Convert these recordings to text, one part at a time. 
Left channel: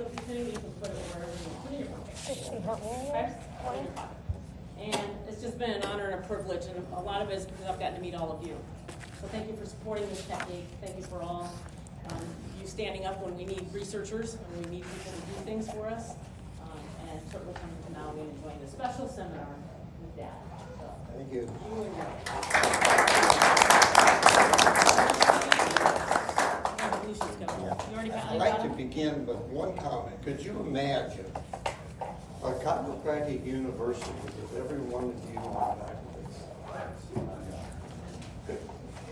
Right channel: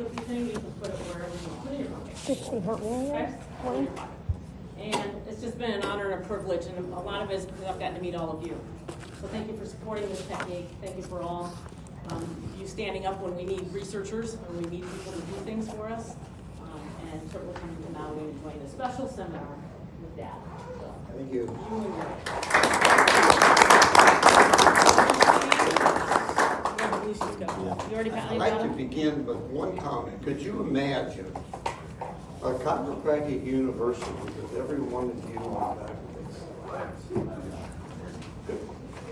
with you do, you can put it wherever you want in your pocket. Just some hot wings. Okay? In your pocket. And it's just been an honor and a privilege, and a lot of it is because I've gotten to meet all of you. So thank you for supporting this technique. Thank you for all you standing up when we need researchers and we need people to do things for us. And certainly coming to Maui and joining a special seminar with Dad. So, Thank you. You already I'd like to begin with one comment. Could you imagine a chiropractic university with every one of you on that?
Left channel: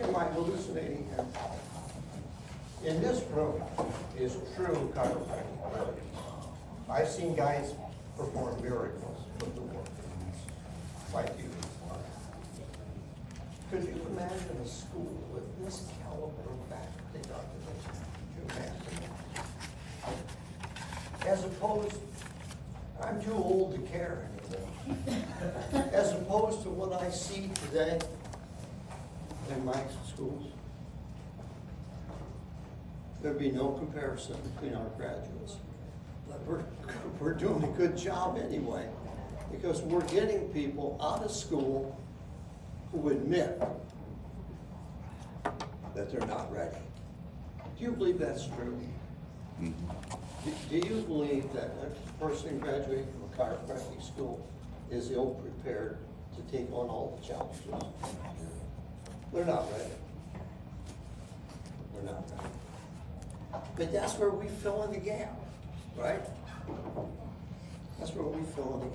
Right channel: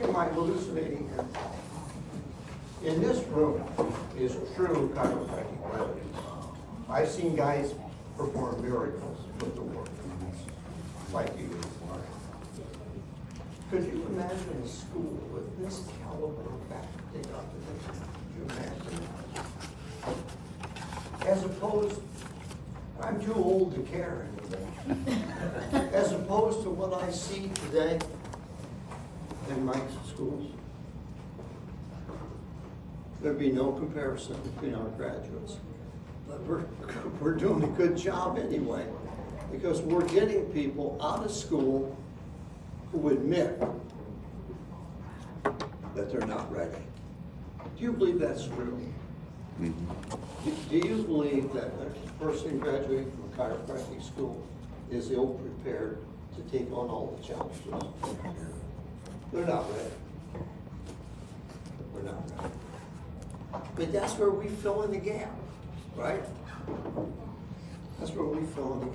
Am I hallucinating here? In this room is true chiropractic brilliance. I've seen guys perform miracles with the work, like you. Could you imagine a school with this caliber of faculty observation? Could you imagine? As opposed, I'm too old to care anymore. As opposed to what I see today in my schools, there'd be no comparison between our graduates. But we're doing a good job anyway, because we're getting people out of school who admit that they're not ready. Do you believe that's true? Mm-hmm. Do you believe that a person graduating from a chiropractic school is ill-prepared to take on all the challenges? They're not ready. They're not ready. But that's where we fill in the gap, right? That's where we fill in the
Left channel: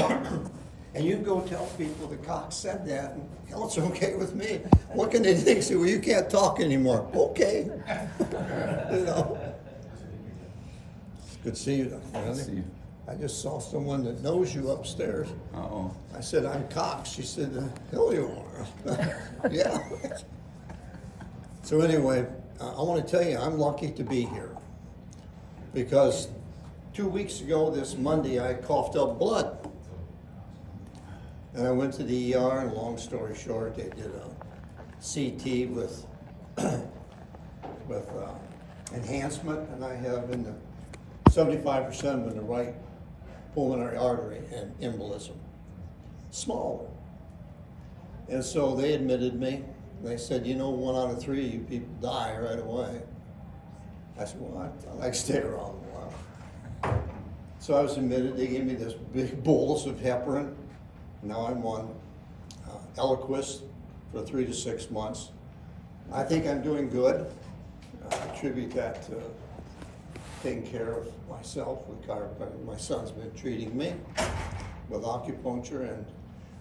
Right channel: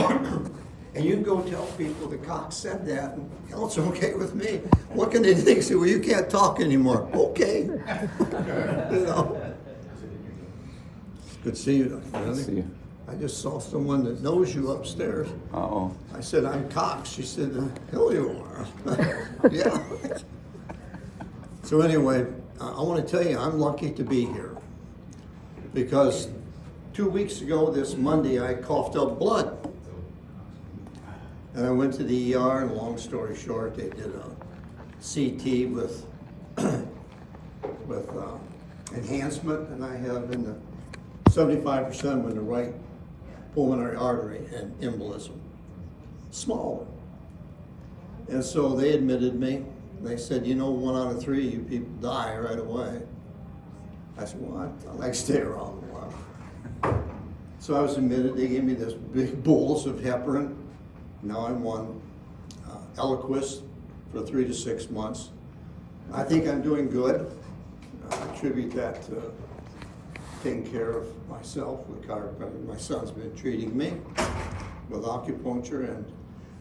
gap. And you go tell people that Cox said that, and hell, it's okay with me. What can they think? Say, well, you can't talk anymore. Okay. You know. Good to see you, Dr. Good to see you. I just saw someone that knows you upstairs. Uh-oh. I said, I'm Cox. She said, hell you are. Yeah. So anyway, I want to tell you, I'm lucky to be here. Because 2 weeks ago, this Monday, I coughed up blood. And I went to the ER, and long story short, they did a CT with enhancement, and I have in the 75% in the right pulmonary artery and embolism. Small one. And so they admitted me. They said, you know, 1 out of 3 of you people die right away. I said, well, I like to stay around a while. So I was admitted. They gave me this big bolus of heparin. Now I'm on Eliquis for 3 to 6 months. I think I'm doing good. I attribute that to taking care of myself with chiropractic. My son's been treating me with acupuncture, and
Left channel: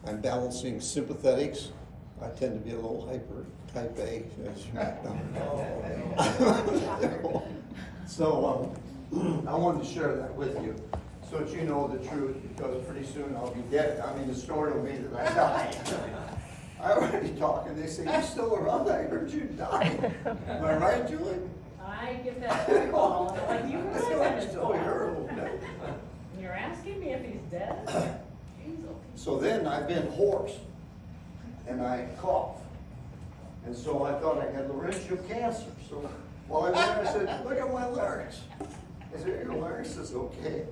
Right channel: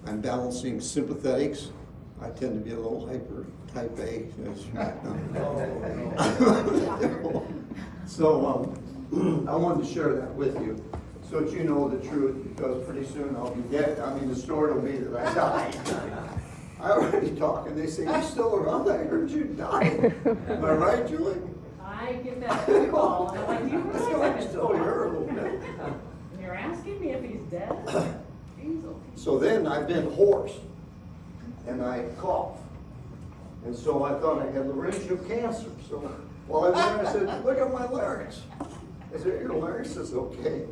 I'm balancing sympathetics. I tend to be a little hyper, type A, as you know. So I wanted to share that with you, so that you know the truth, because pretty soon I'll be dead. I mean, the story will be that I died. I already talk, and they say, you're still around, I heard you died. Am I right, Julie? I get that phone call, and I'm like, you really So I'm still here a little bit. You're asking me if he's dead? Jeez. So then I've been hoarse, and I cough. And so I thought I had laryngeal cancer. So while I went, I said, look at my larynx. I said, your larynx is okay.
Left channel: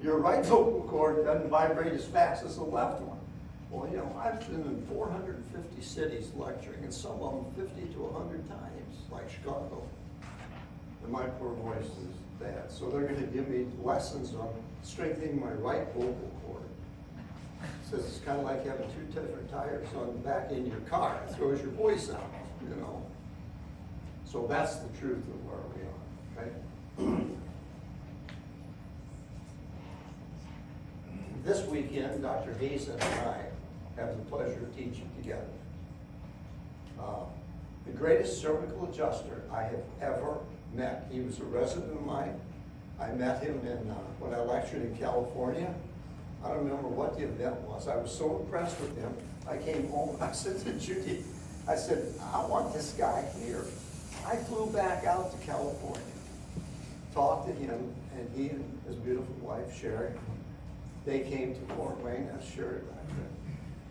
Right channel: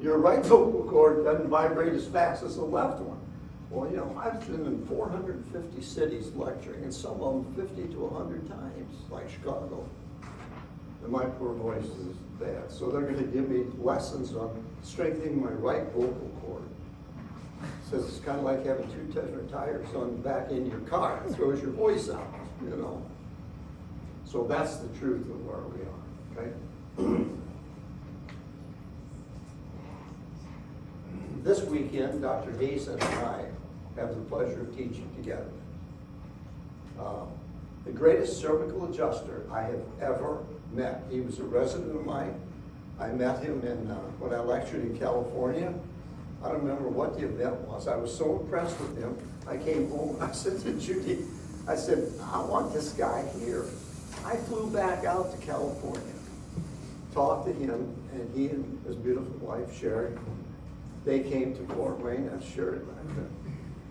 Your right vocal cord doesn't vibrate as fast as the left one. Well, you know, I've been in 450 cities lecturing, and some of them 50 to 100 times, like Chicago. And my poor voice is bad. So they're going to give me lessons on strengthening my right vocal cord. Says it's kind of like having 2 different tires on the back end of your car. It throws your voice out, you know. So that's the truth of where we are, okay? This weekend, Dr. Hazen and I have the pleasure of teaching together. The greatest cervical adjuster I have ever met. He was a resident of mine. I met him in when I lectured in California. I don't remember what the event was. I was so impressed with him. I came home, I said to Judy, I said, I want this guy here. I flew back out to California, talked to him, and he and his beautiful wife, Sherry, they came to Fort Wayne. That's Sherry back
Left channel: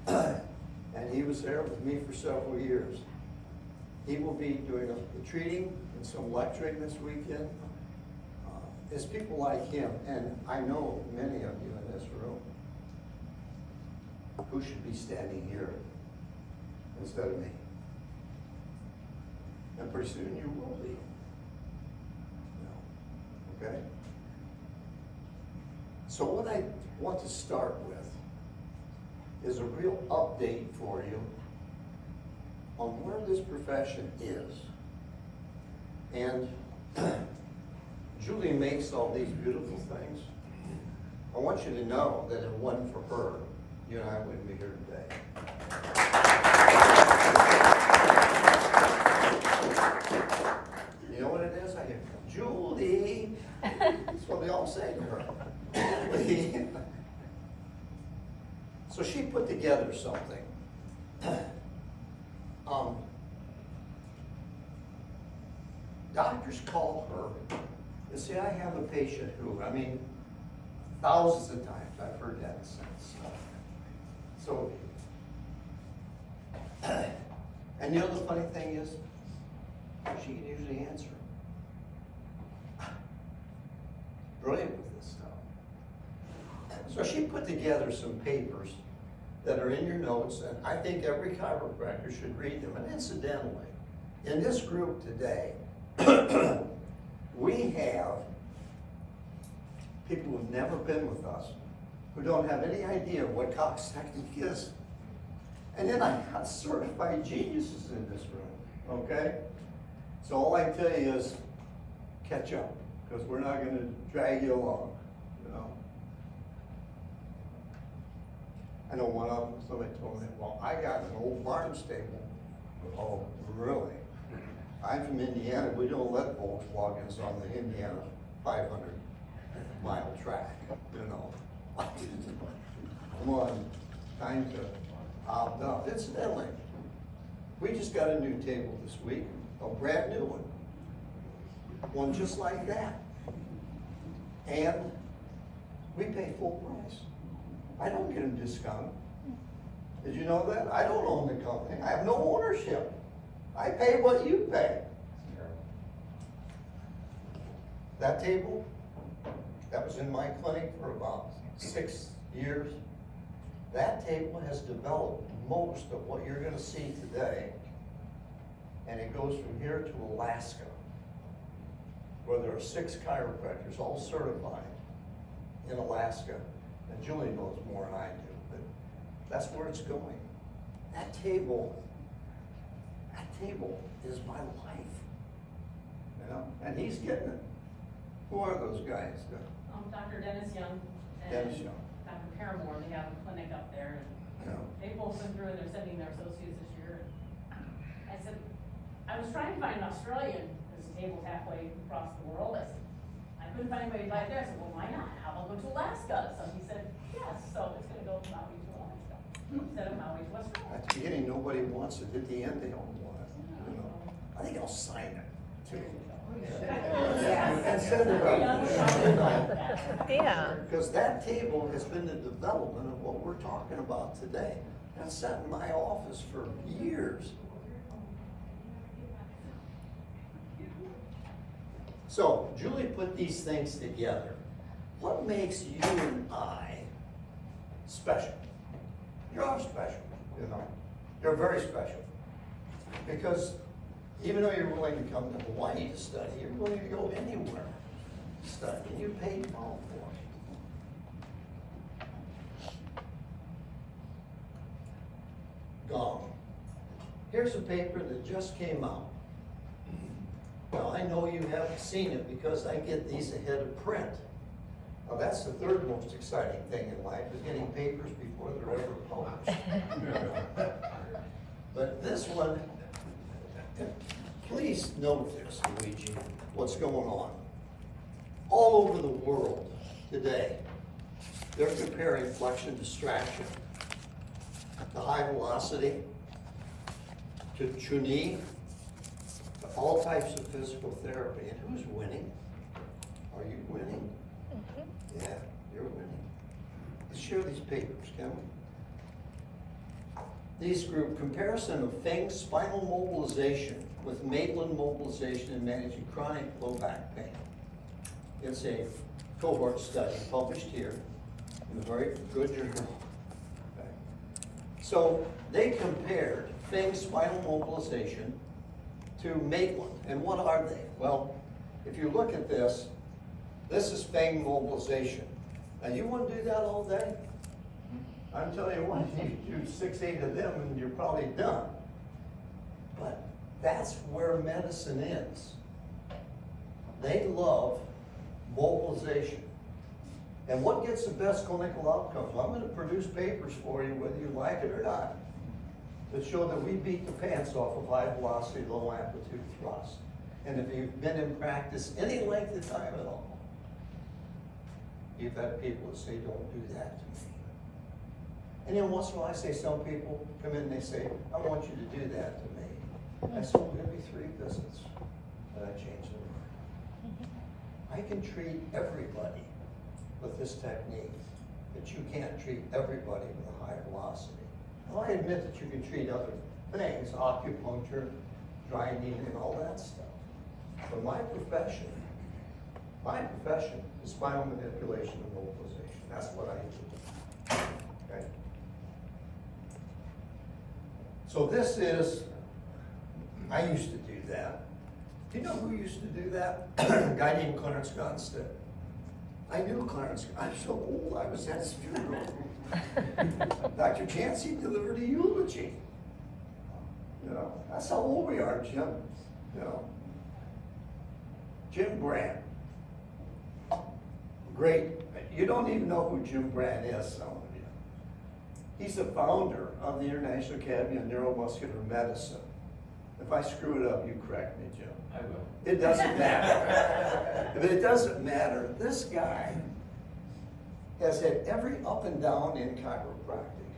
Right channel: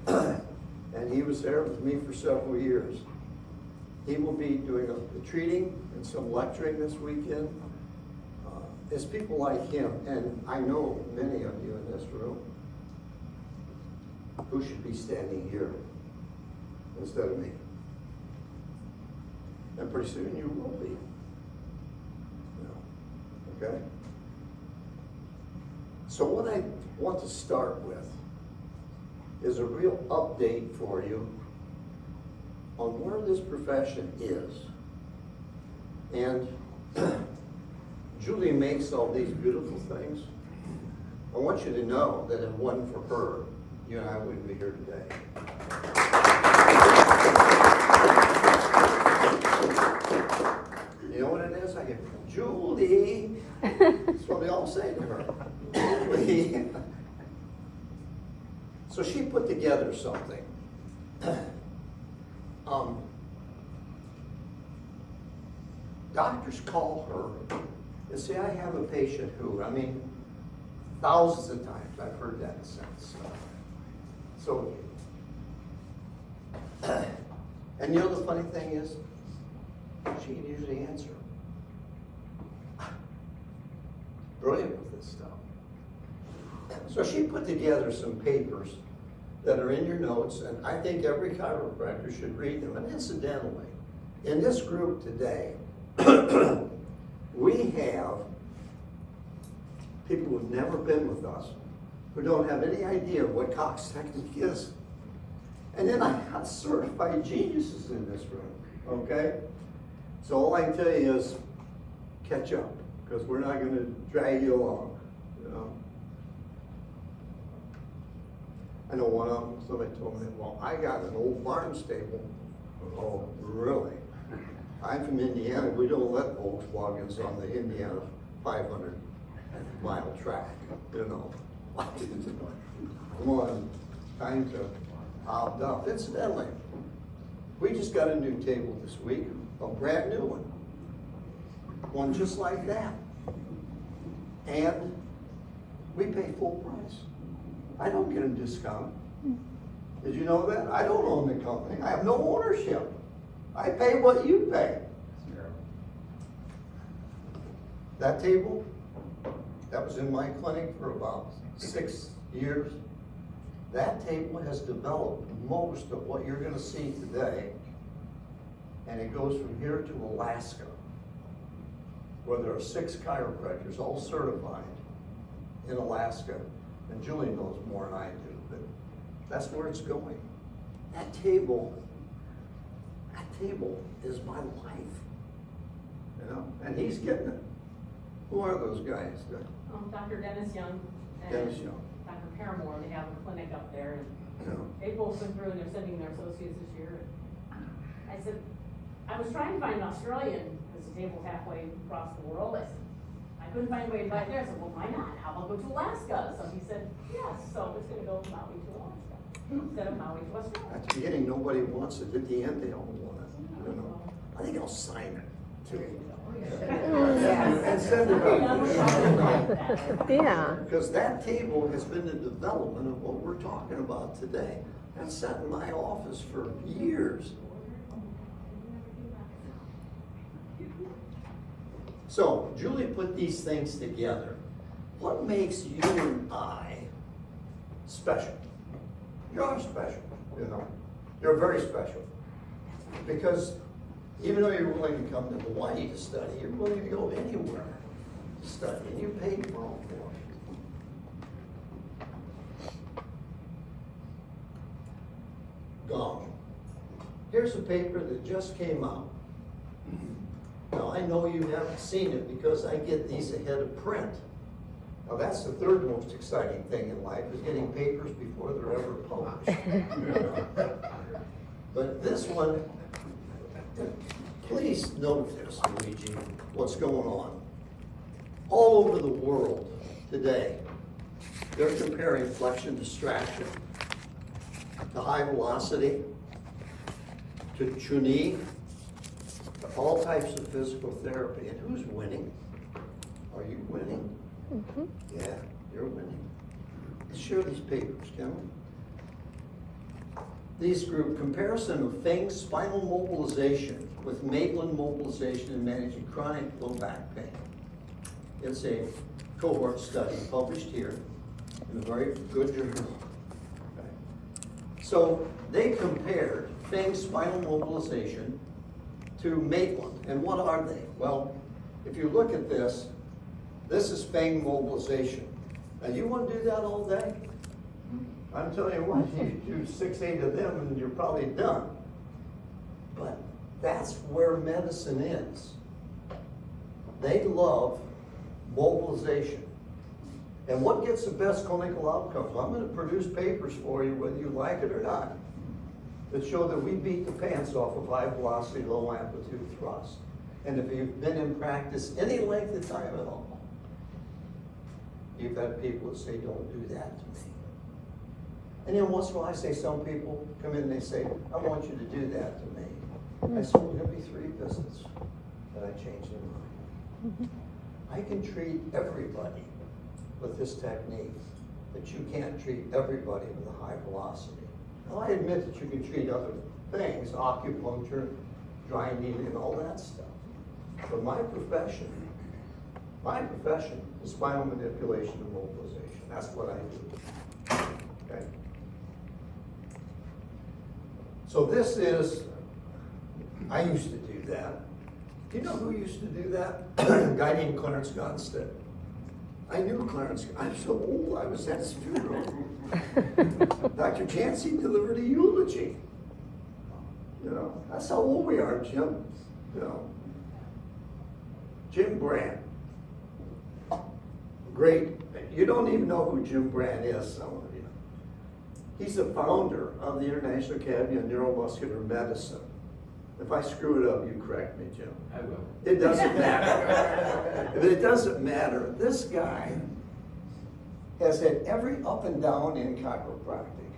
then. And he was there with me for several years. He will be doing the treating and some lecturing this weekend. It's people like him, and I know many of you in this room who should be standing here instead of me. And pretty soon you will be. Okay? So what I want to start with is a real update for you on where this profession is. And Julie makes all these beautiful things. I want you to know that if it wasn't for her, you and I wouldn't be here today. You know what it is? I get, Julie. That's what they all say to her. Julie. So she put together something. Doctors call her and say, I have a patient who, I mean, thousands of times I've heard that since. So, and you know the funny thing is, she can usually answer. Brilliant with this stuff. So she put together some papers that are in your notes, and I think every chiropractor should read them. And incidentally, in this group today, we have people who've never been with us, who don't have any idea what Cox technique is. And then I got certified geniuses in this room, okay? So all I can tell you is catch up, because we're not going to drag you along, you know? I know one of them, somebody told me, well, I got an old barn stable. Oh, really? I'm from Indiana. We don't let Volkswagens on the Indiana 500-mile track, you know? Come on, time to opt up. Incidentally, we just got a new table this week, a brand new one. One just like that. And we pay full price. I don't get a discount. Did you know that? I don't own the company. I have no ownership. I pay what you pay. That table, that was in my clinic for about 6 years. That table has developed most of what you're gonna see today. And it goes from here to Alaska, where there are 6 chiropractors, all certified in Alaska. And Julie knows more than I do, but that's where it's going. That table is my life, you know, and he's getting it. Who are those guys? Dr. Dennis Young. and Dennis Young. Dr. Paramore, they have a clinic up there. Yeah. They both went through and they're sending their associates this year. I said, I was trying to find an Australian, this table's halfway across the world. I said, I couldn't find a way right there. I said, well, why not? How about go to Alaska? So he said, yes. So it's gonna go from Maui to Alaska instead of Maui to Australia. At the beginning, nobody wants it. At the end, they all want it, you know. I think I'll sign it too. And send it out. Yeah. Because that table has been the development of what we're talking about today. That's sat in my office for years. So Julie put these things together. What makes you and I special? You're special, you know. You're very special. Because even though you're willing to come to Hawaii to study, you're willing to go anywhere to study, and you paid well for it. Gong. Here's a paper that just came out. Now, I know you haven't seen it because I get these ahead of print. Now, that's the third most exciting thing in life, is getting papers before they're ever published. But this one, please note this, Luigi, what's going on. All over the world today, they're comparing flexion distraction to high velocity, to Chun-Yi, to all types of physical therapy. And who's winning? Are you winning? Mm-hmm. Yeah, you're winning. Let's share these papers, can we? these group comparison of Feng spinal mobilization with Maitland mobilization in managing chronic low back pain. It's a cohort study published here in a very good journal. Okay. So they compared Feng spinal mobilization to Maitland. And what are they? Well, if you look at this, this is Feng mobilization. Now you want to do that all day? I'm telling you what, you do 6, 8 of them and you're probably done. But that's where medicine is. They love mobilization. And what gets the best clinical outcomes? I'm going to produce papers for you, whether you like it or not, that show that we beat the pants off of high velocity, low amplitude thrust. And if you've been in practice any length of time at all, you've had people that say, don't do that to me. And then once in a while I say, some people come in and they say, I want you to do that to me. I said, well, give me 3 visits. And I change their mind. I can treat everybody with this technique, but you can't treat everybody with a high velocity. Now I admit that you can treat other things, acupuncture, dry needling, and all that stuff. But my profession is spinal manipulation and mobilization. That's what I do. Okay? So this is, I used to do that. Do you know who used to do that? A guy named Clarence Gonstead. I knew Clarence. I'm so old, I was at his funeral. Dr. Chansey delivered a eulogy. You know, that's how old we are, Jim. You know, Jim Brand. Great. You don't even know who Jim Brand is, some of you. He's the founder of the International Academy of Neuromuscular Medicine. If I screw it up, you correct me, Jim. I will. It doesn't matter. But it doesn't matter. This guy has had every up and down in chiropractic.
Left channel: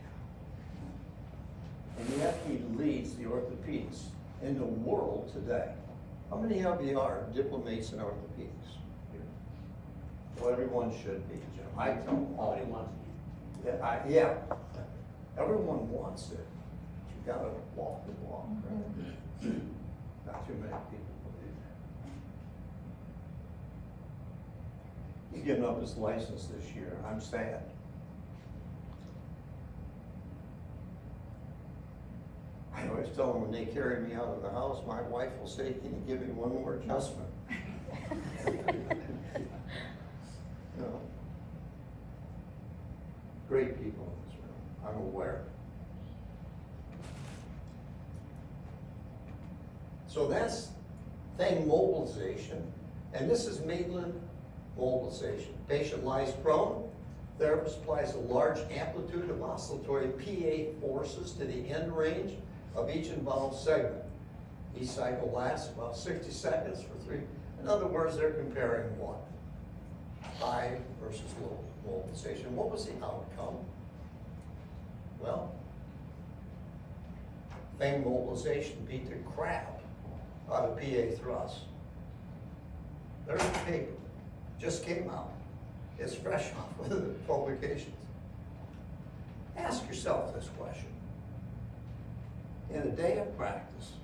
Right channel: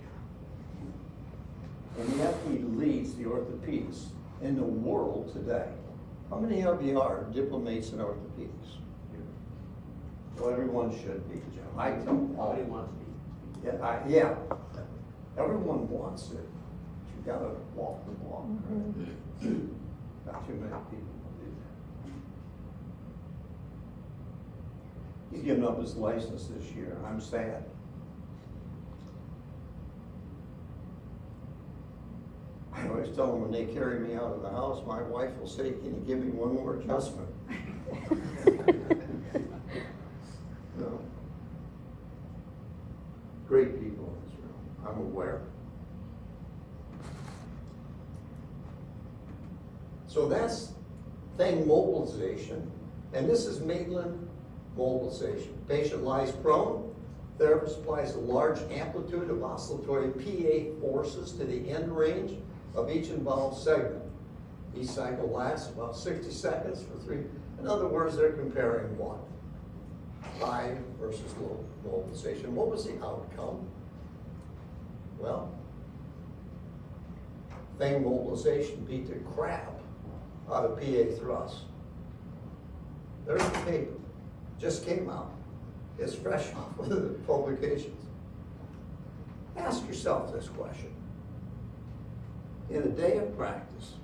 And yet he leads the orthopedics in the world today. How many of you are diplomates in orthopedics? Well, everyone should be, Jim. I tell them all. Nobody wants me. Yeah. Everyone wants it. You gotta walk the walk, right? Not too many people will do that. He's giving up his license this year. I'm sad. I always tell them when they carry me out of the house, my wife will say, can you give me one more adjustment? No. Great people in this room, I'm aware. So that's Feng mobilization, and this is Maitland mobilization. Patient lies prone, therapist applies a large amplitude of oscillatory PA forces to the end range of each involved segment. Each cycle lasts about 60 seconds for 3. In other words, they're comparing what? High versus low mobilization. What was the outcome? Well, Feng mobilization beat the crap out of PA thrust. There's the paper, just came out. It's fresh off of the publications. Ask yourself this question. In a day of practice,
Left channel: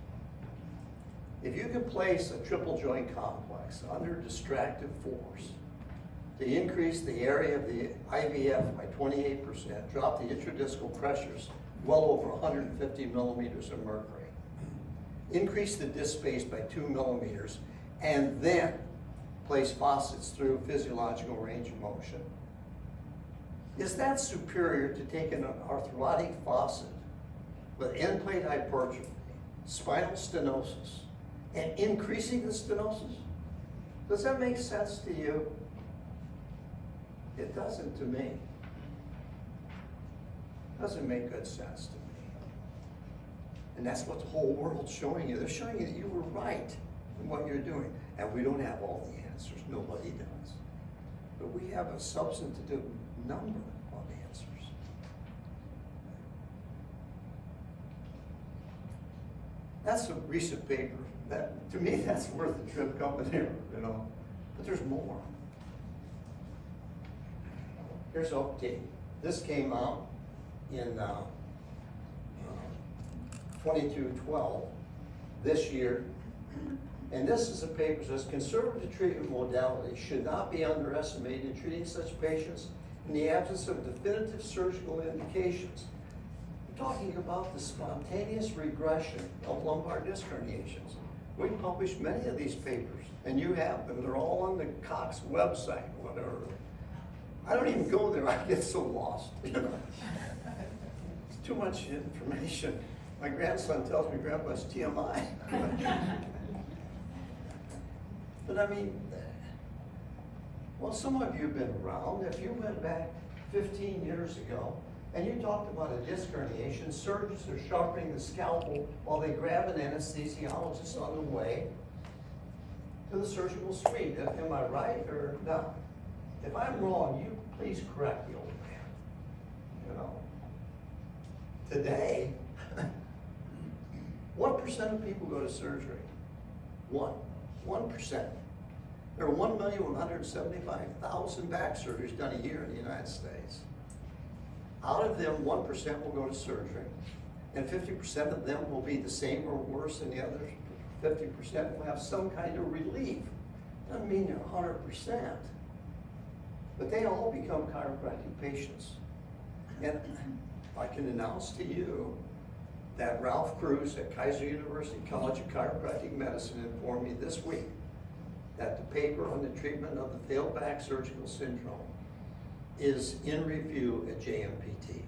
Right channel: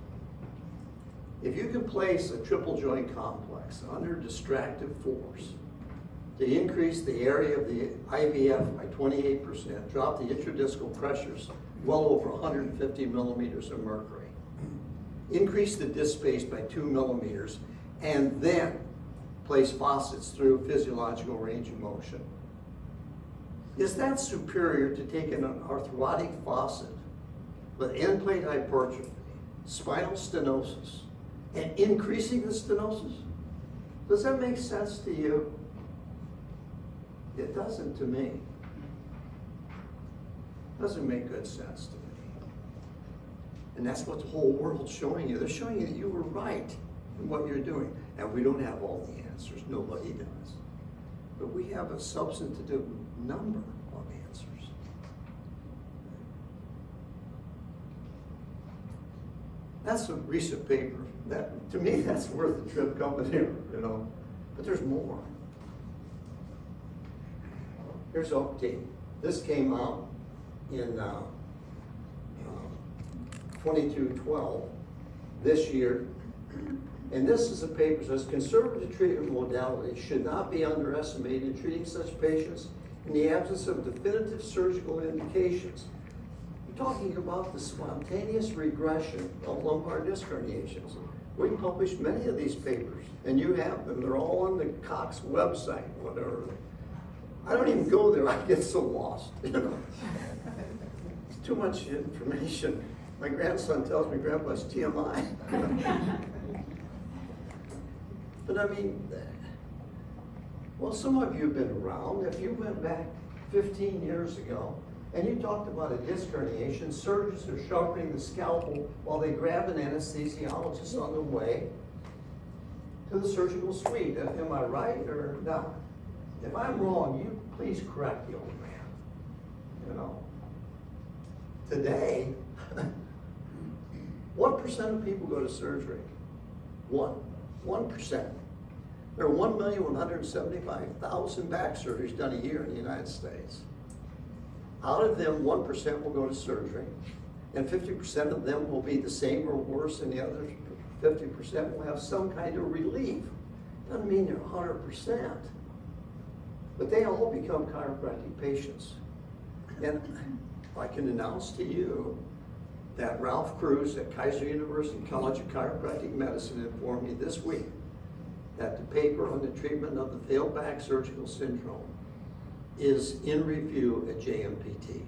if you can place a triple joint complex under distractive force to increase the area of the IVF by 28%, drop the intradiscal pressures well over 150 millimeters of mercury, increase the disc space by 2 millimeters, and then place faucets through physiological range of motion. Is that superior to taking an arthrotic faucet with end plate hypertrophy, spinal stenosis, and increasing the stenosis? Does that make sense to you? It doesn't to me. Doesn't make good sense to me. And that's what the whole world's showing you. They're showing you that you were right in what you're doing. And we don't have all the answers. Nobody does. But we have a substantive number of answers. That's a recent paper. That, to me, that's worth the trip coming here, you know. But there's more. Here's update. This came out in 2212 this year. And this is a paper that says conservative treatment modalities should not be underestimated in treating such patients in the absence of definitive surgical indications. We're talking about the spontaneous regression of lumbar disc herniations. We published many of these papers, and you have them. They're all on the Cox website, whatever. I don't even go there. I get so lost. You know? It's too much information. My grandson tells me, Grandpa, it's TMI. But I mean, well, some of you have been around. If you went back 15 years ago and you talked about a disc herniation, surgeons are sharpening the scalpel while they grab an anesthesiologist on the way to the surgical suite. Am I right or not? If I'm wrong, you please correct the old man. You know, today, what % of people go to surgery? 1%. There are 1,175,000 back surgeries done a year in the United States. Out of them, 1% will go to surgery, and 50% of them will be the same or worse, and the other 50% will have some kind of relief. Doesn't mean they're 100%, but they all become chiropractic patients. And I can announce to you that Ralph Cruz at Kaiser University College of Chiropractic Medicine informed me this week that the paper on the treatment of the failed back surgical syndrome is in review at JMPT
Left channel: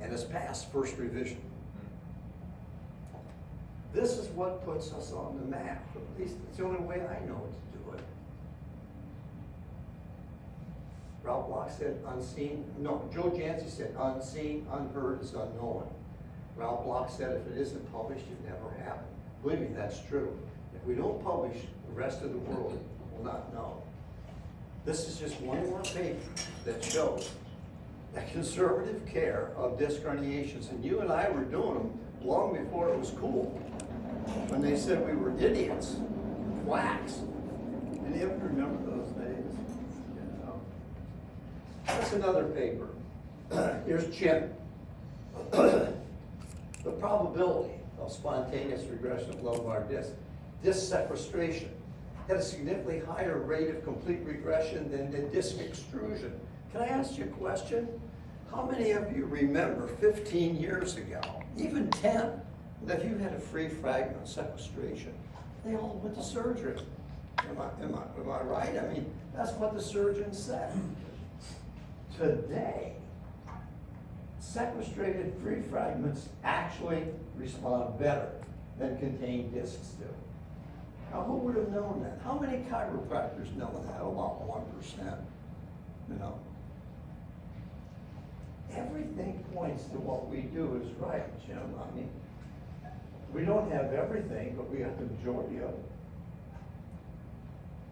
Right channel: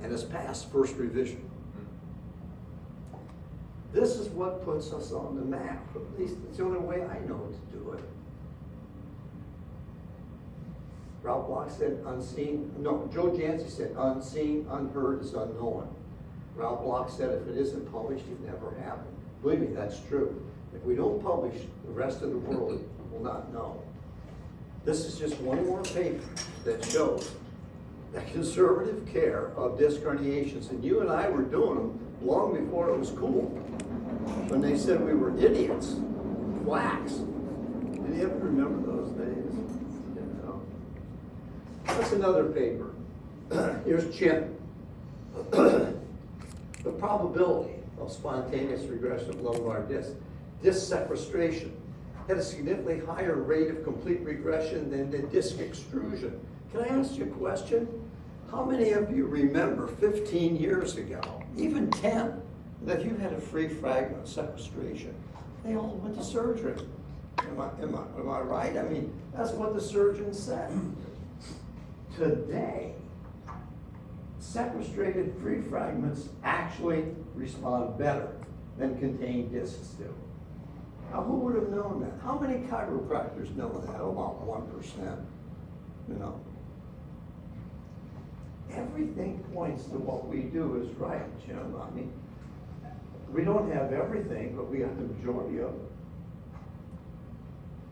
and has passed first revision. This is what puts us on the map. At least it's the only way I know to do it. Ralph Bloch said unseen, no, Joe Jancy said unseen, unheard is unknown. Ralph Bloch said if it isn't published, it never happened. Believe me, that's true. If we don't publish, the rest of the world will not know. This is just one more paper that shows that conservative care of disc herniations, and you and I were doing them long before it was cool. When they said we were idiots, quacks. Any of you remember those days? You know. That's another paper. Here's Chin. The probability of spontaneous regression of lumbar disc sequestration had a significantly higher rate of complete regression than the disc extrusion. Can I ask you a question? How many of you remember 15 years ago, even 10, that you had a free fragment of sequestration? They all went to surgery. Am I right? I mean, that's what the surgeon said. Today, sequestrated free fragments actually respond better than contained discs do. Now, who would have known that? How many chiropractors know that? About 1%, you know. Everything points to what we do is right, Jim. I mean, we don't have everything, but we have the majority of it.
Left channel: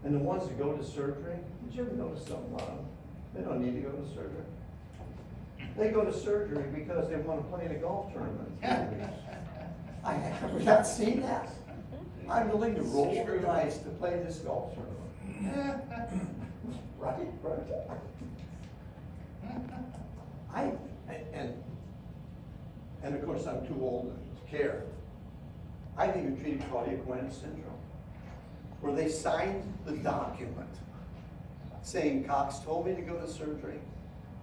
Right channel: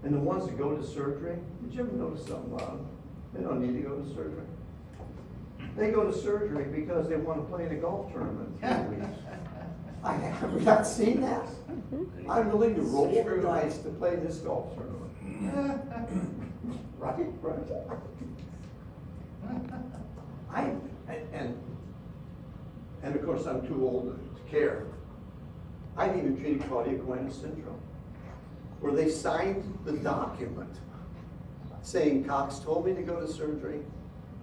And the ones that go to surgery, did you ever notice something about them? They don't need to go to surgery. They go to surgery because they want to play in a golf tournament in 3 weeks. I have not seen that. I'm willing to roll the dice to play this golf tournament. Right? And of course I'm too old to care. I've even treated Claudia Covena syndrome, where they signed the document saying Cox told me to go to surgery.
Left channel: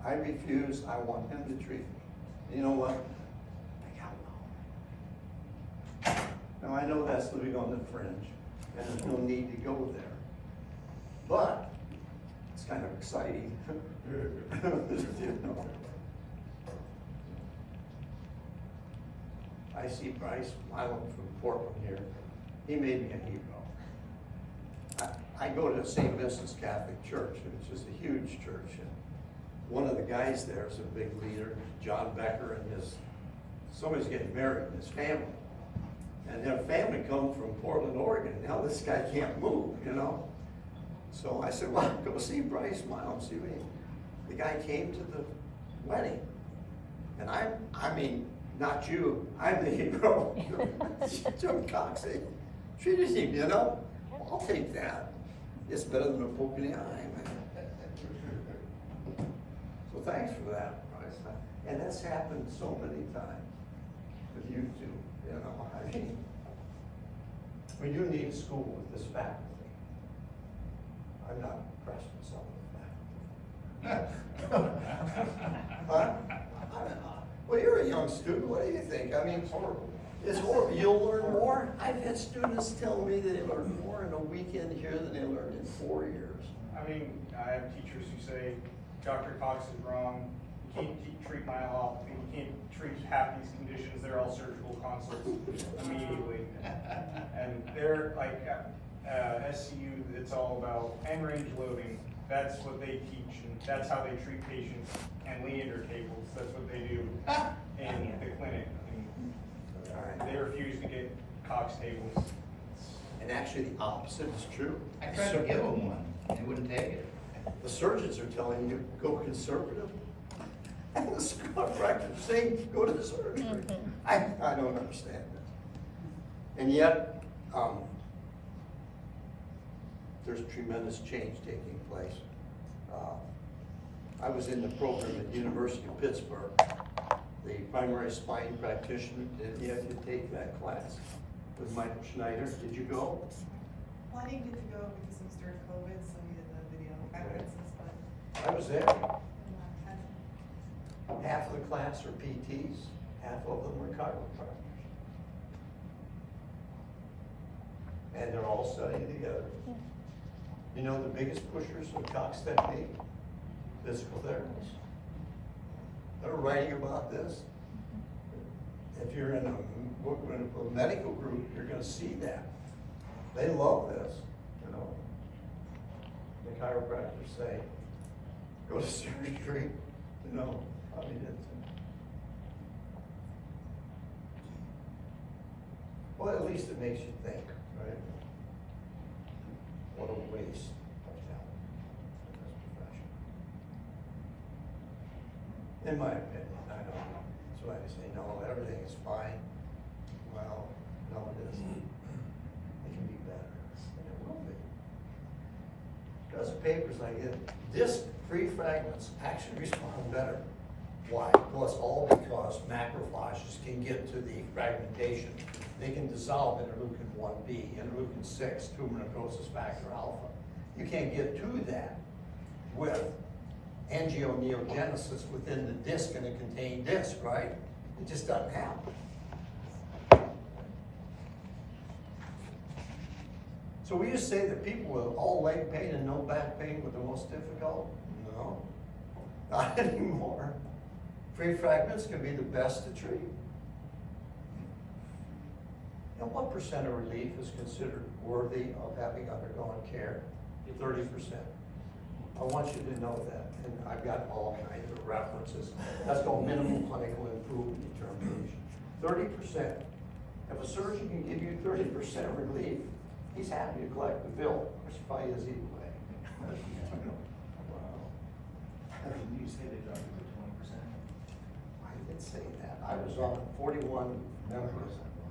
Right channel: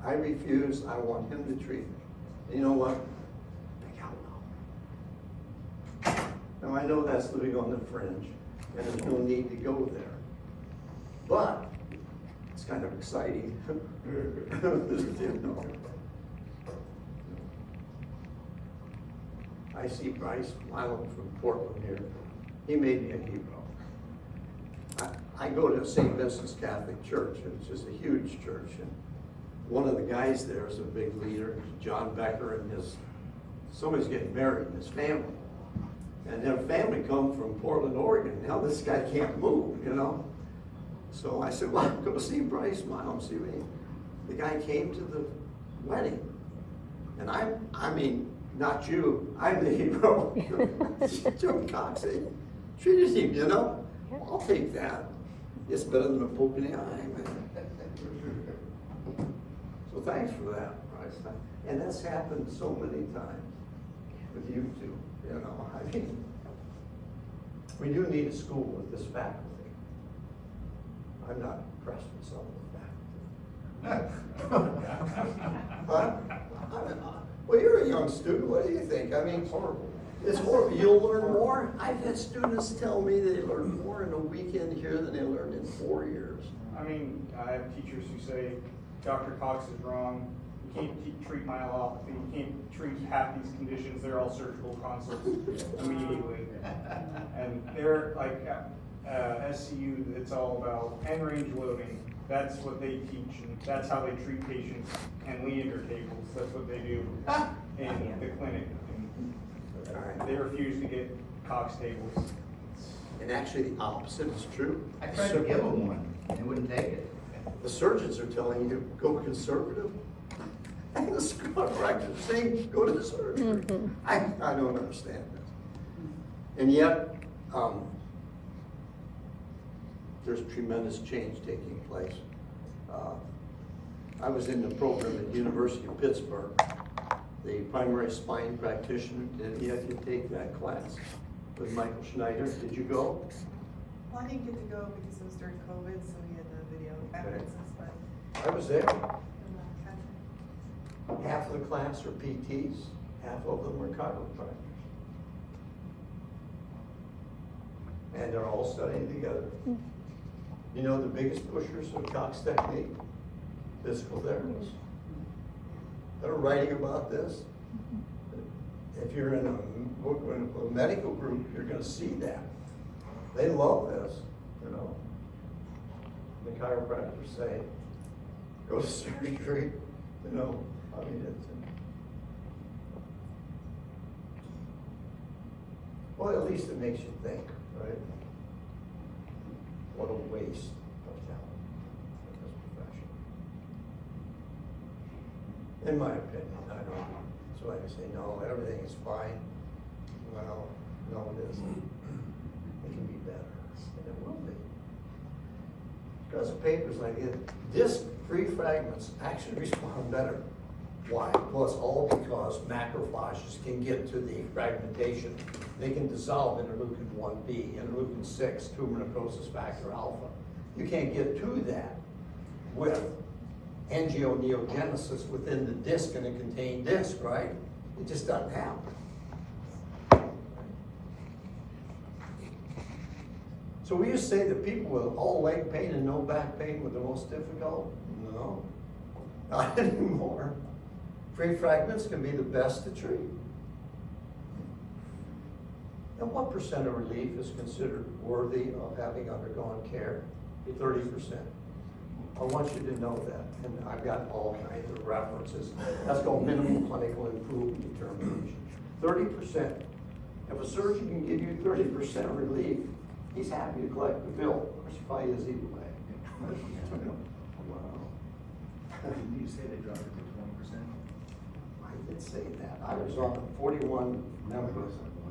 I refuse. I want him to treat me. And you know what? They got well. Now I know that's living on the fringe, and there's no need to go there. But it's kind of exciting. You know. I see Bryce Milam from Portland here. He made me a hero. I go to St. Vincent's Catholic Church, which is a huge church, and one of the guys there is a big leader, John Becker, and somebody's getting married in his family. And their family come from Portland, Oregon. Now this guy can't move, you know? So I said, well, go see Bryce Milam, see what the guy came to the wedding. And I mean, not you, I'm the hero. Jim Cox treated him, you know? Well, I'll take that. It's better than a poke in the eye, man. So thanks for that, Bryce. And that's happened so many times with you two. You know, I mean, we do need a school with this faculty. I'm not impressed with some of the faculty. Huh? Well, you're a young student, what do you think? I mean, it's horrible, you'll learn more. I've had students tell me that they learn more in a weekend here than they learned in 4 years. I mean, I have teachers who say, Dr. Cox is wrong, you can't treat myelopathy, you can't treat half these conditions, they're all surgical consults immediately. And they're like, SCU, it's all about end range loading, that's what they teach, and that's how they treat patients, and Leader tables, that's what they do in the clinic. And they refuse to get Cox tables. And actually, the opposite is true. I tried to give him one, he wouldn't take it. The surgeons are telling you, go conservative. And the school practice is saying, go to the surgery. I don't understand this. And yet, there's tremendous change taking place. I was in the program at University of Pittsburgh. The primary spine practitioner did yet to take that class with Michael Schneider. Did you go? Well, I didn't get to go because it was during COVID, so we had the video conferences, but. I was there. Okay. Half of the class are PTs, half of them are chiropractors. And they're all studying together. You know the biggest pushers of Cox technique? Physical therapists. They're writing about this. If you're in a medical group, you're gonna see that. They love this, you know. The chiropractors say, go to surgery, you know. I mean, well, at least it makes you think, right? What a waste of talent in this profession. In my opinion, I don't, so I can say, no, everything is fine. Well, no, it isn't. It can be better, and it will be. Because of papers like it, disc-free fragments actually respond better. Why? Well, it's all because macrophages can get to the fragmentation. They can dissolve interleukin 1B, interleukin 6, tumor necrosis factor alpha. You can't get to that with angioneogenesis within the disc in a contained disc, right? It just doesn't happen. So we used to say that people with all leg pain and no back pain were the most difficult? No, not anymore. Free fragments can be the best to treat. And what percent of relief is considered worthy of having undergone care? 30%. I want you to know that, and I've got all kinds of references. That's called minimum clinical improvement determination. 30%. If a surgeon can give you 30% relief, he's happy to collect the bill. Of course, he probably is either way. Didn't you say they dropped it to 20%? I did say that. I was on a 41-member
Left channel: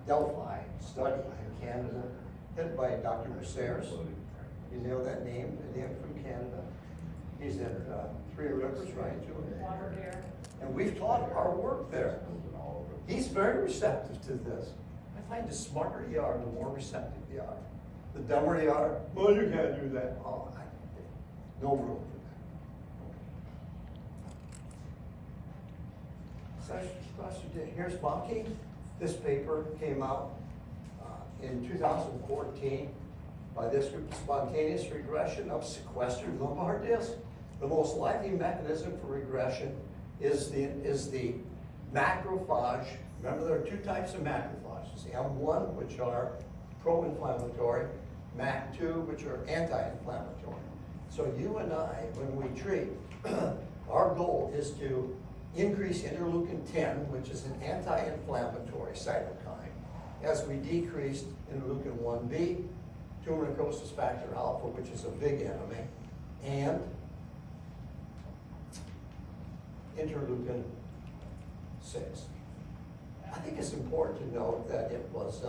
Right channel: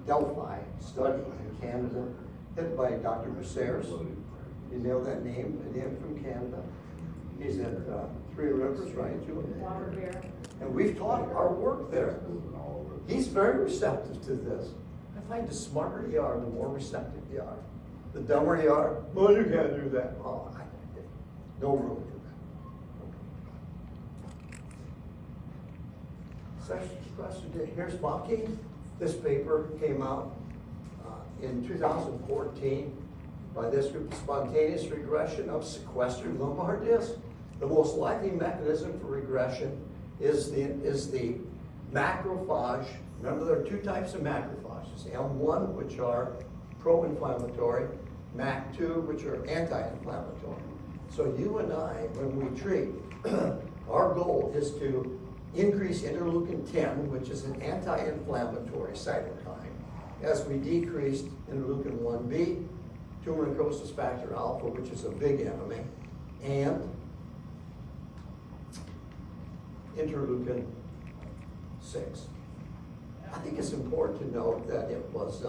Delphi study in Canada, headed by Dr. Brasseres. You know that name? Him from Canada. He's at Three Rivers, right, Julie? Robert Bear. And we've taught our work there. He's very receptive to this. I find the smarter you are, the more receptive you are. The dumber you are, well, you can't do that. Oh, no room for that. Here's Bonke. This paper came out in 2014 by this group, spontaneous regression of sequestered lumbar disc. The most likely mechanism for regression is the macrophage. Remember, there are two types of macrophages: M1, which are pro-inflammatory, MAC2, which are anti-inflammatory. So you and I, when we treat, our goal is to increase interleukin 10, which is an anti-inflammatory cytokine, as we decreased interleukin 1B, tumor necrosis factor alpha, which is a big enemy, and interleukin 6. I think it's important to note that it was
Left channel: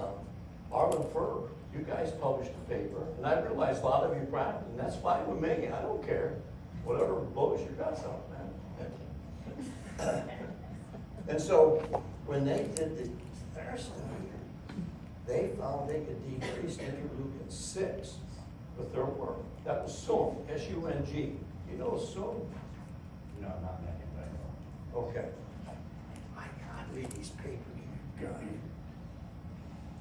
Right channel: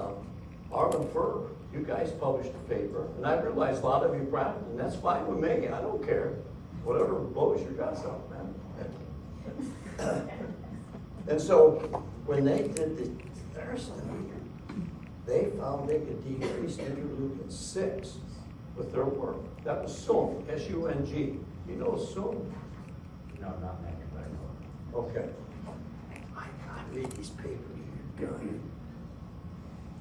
Arlen Ferb. You guys published a paper, and I realize a lot of you practice, and that's fine with me. I don't care. Whatever blows your guts out, man. And so when they did their study, they found they could decrease interleukin-6 with their work. That was Sung, S-U-N-G. You know Sung? No, not Megan, but I know. Okay. I can't read these papers, you guys.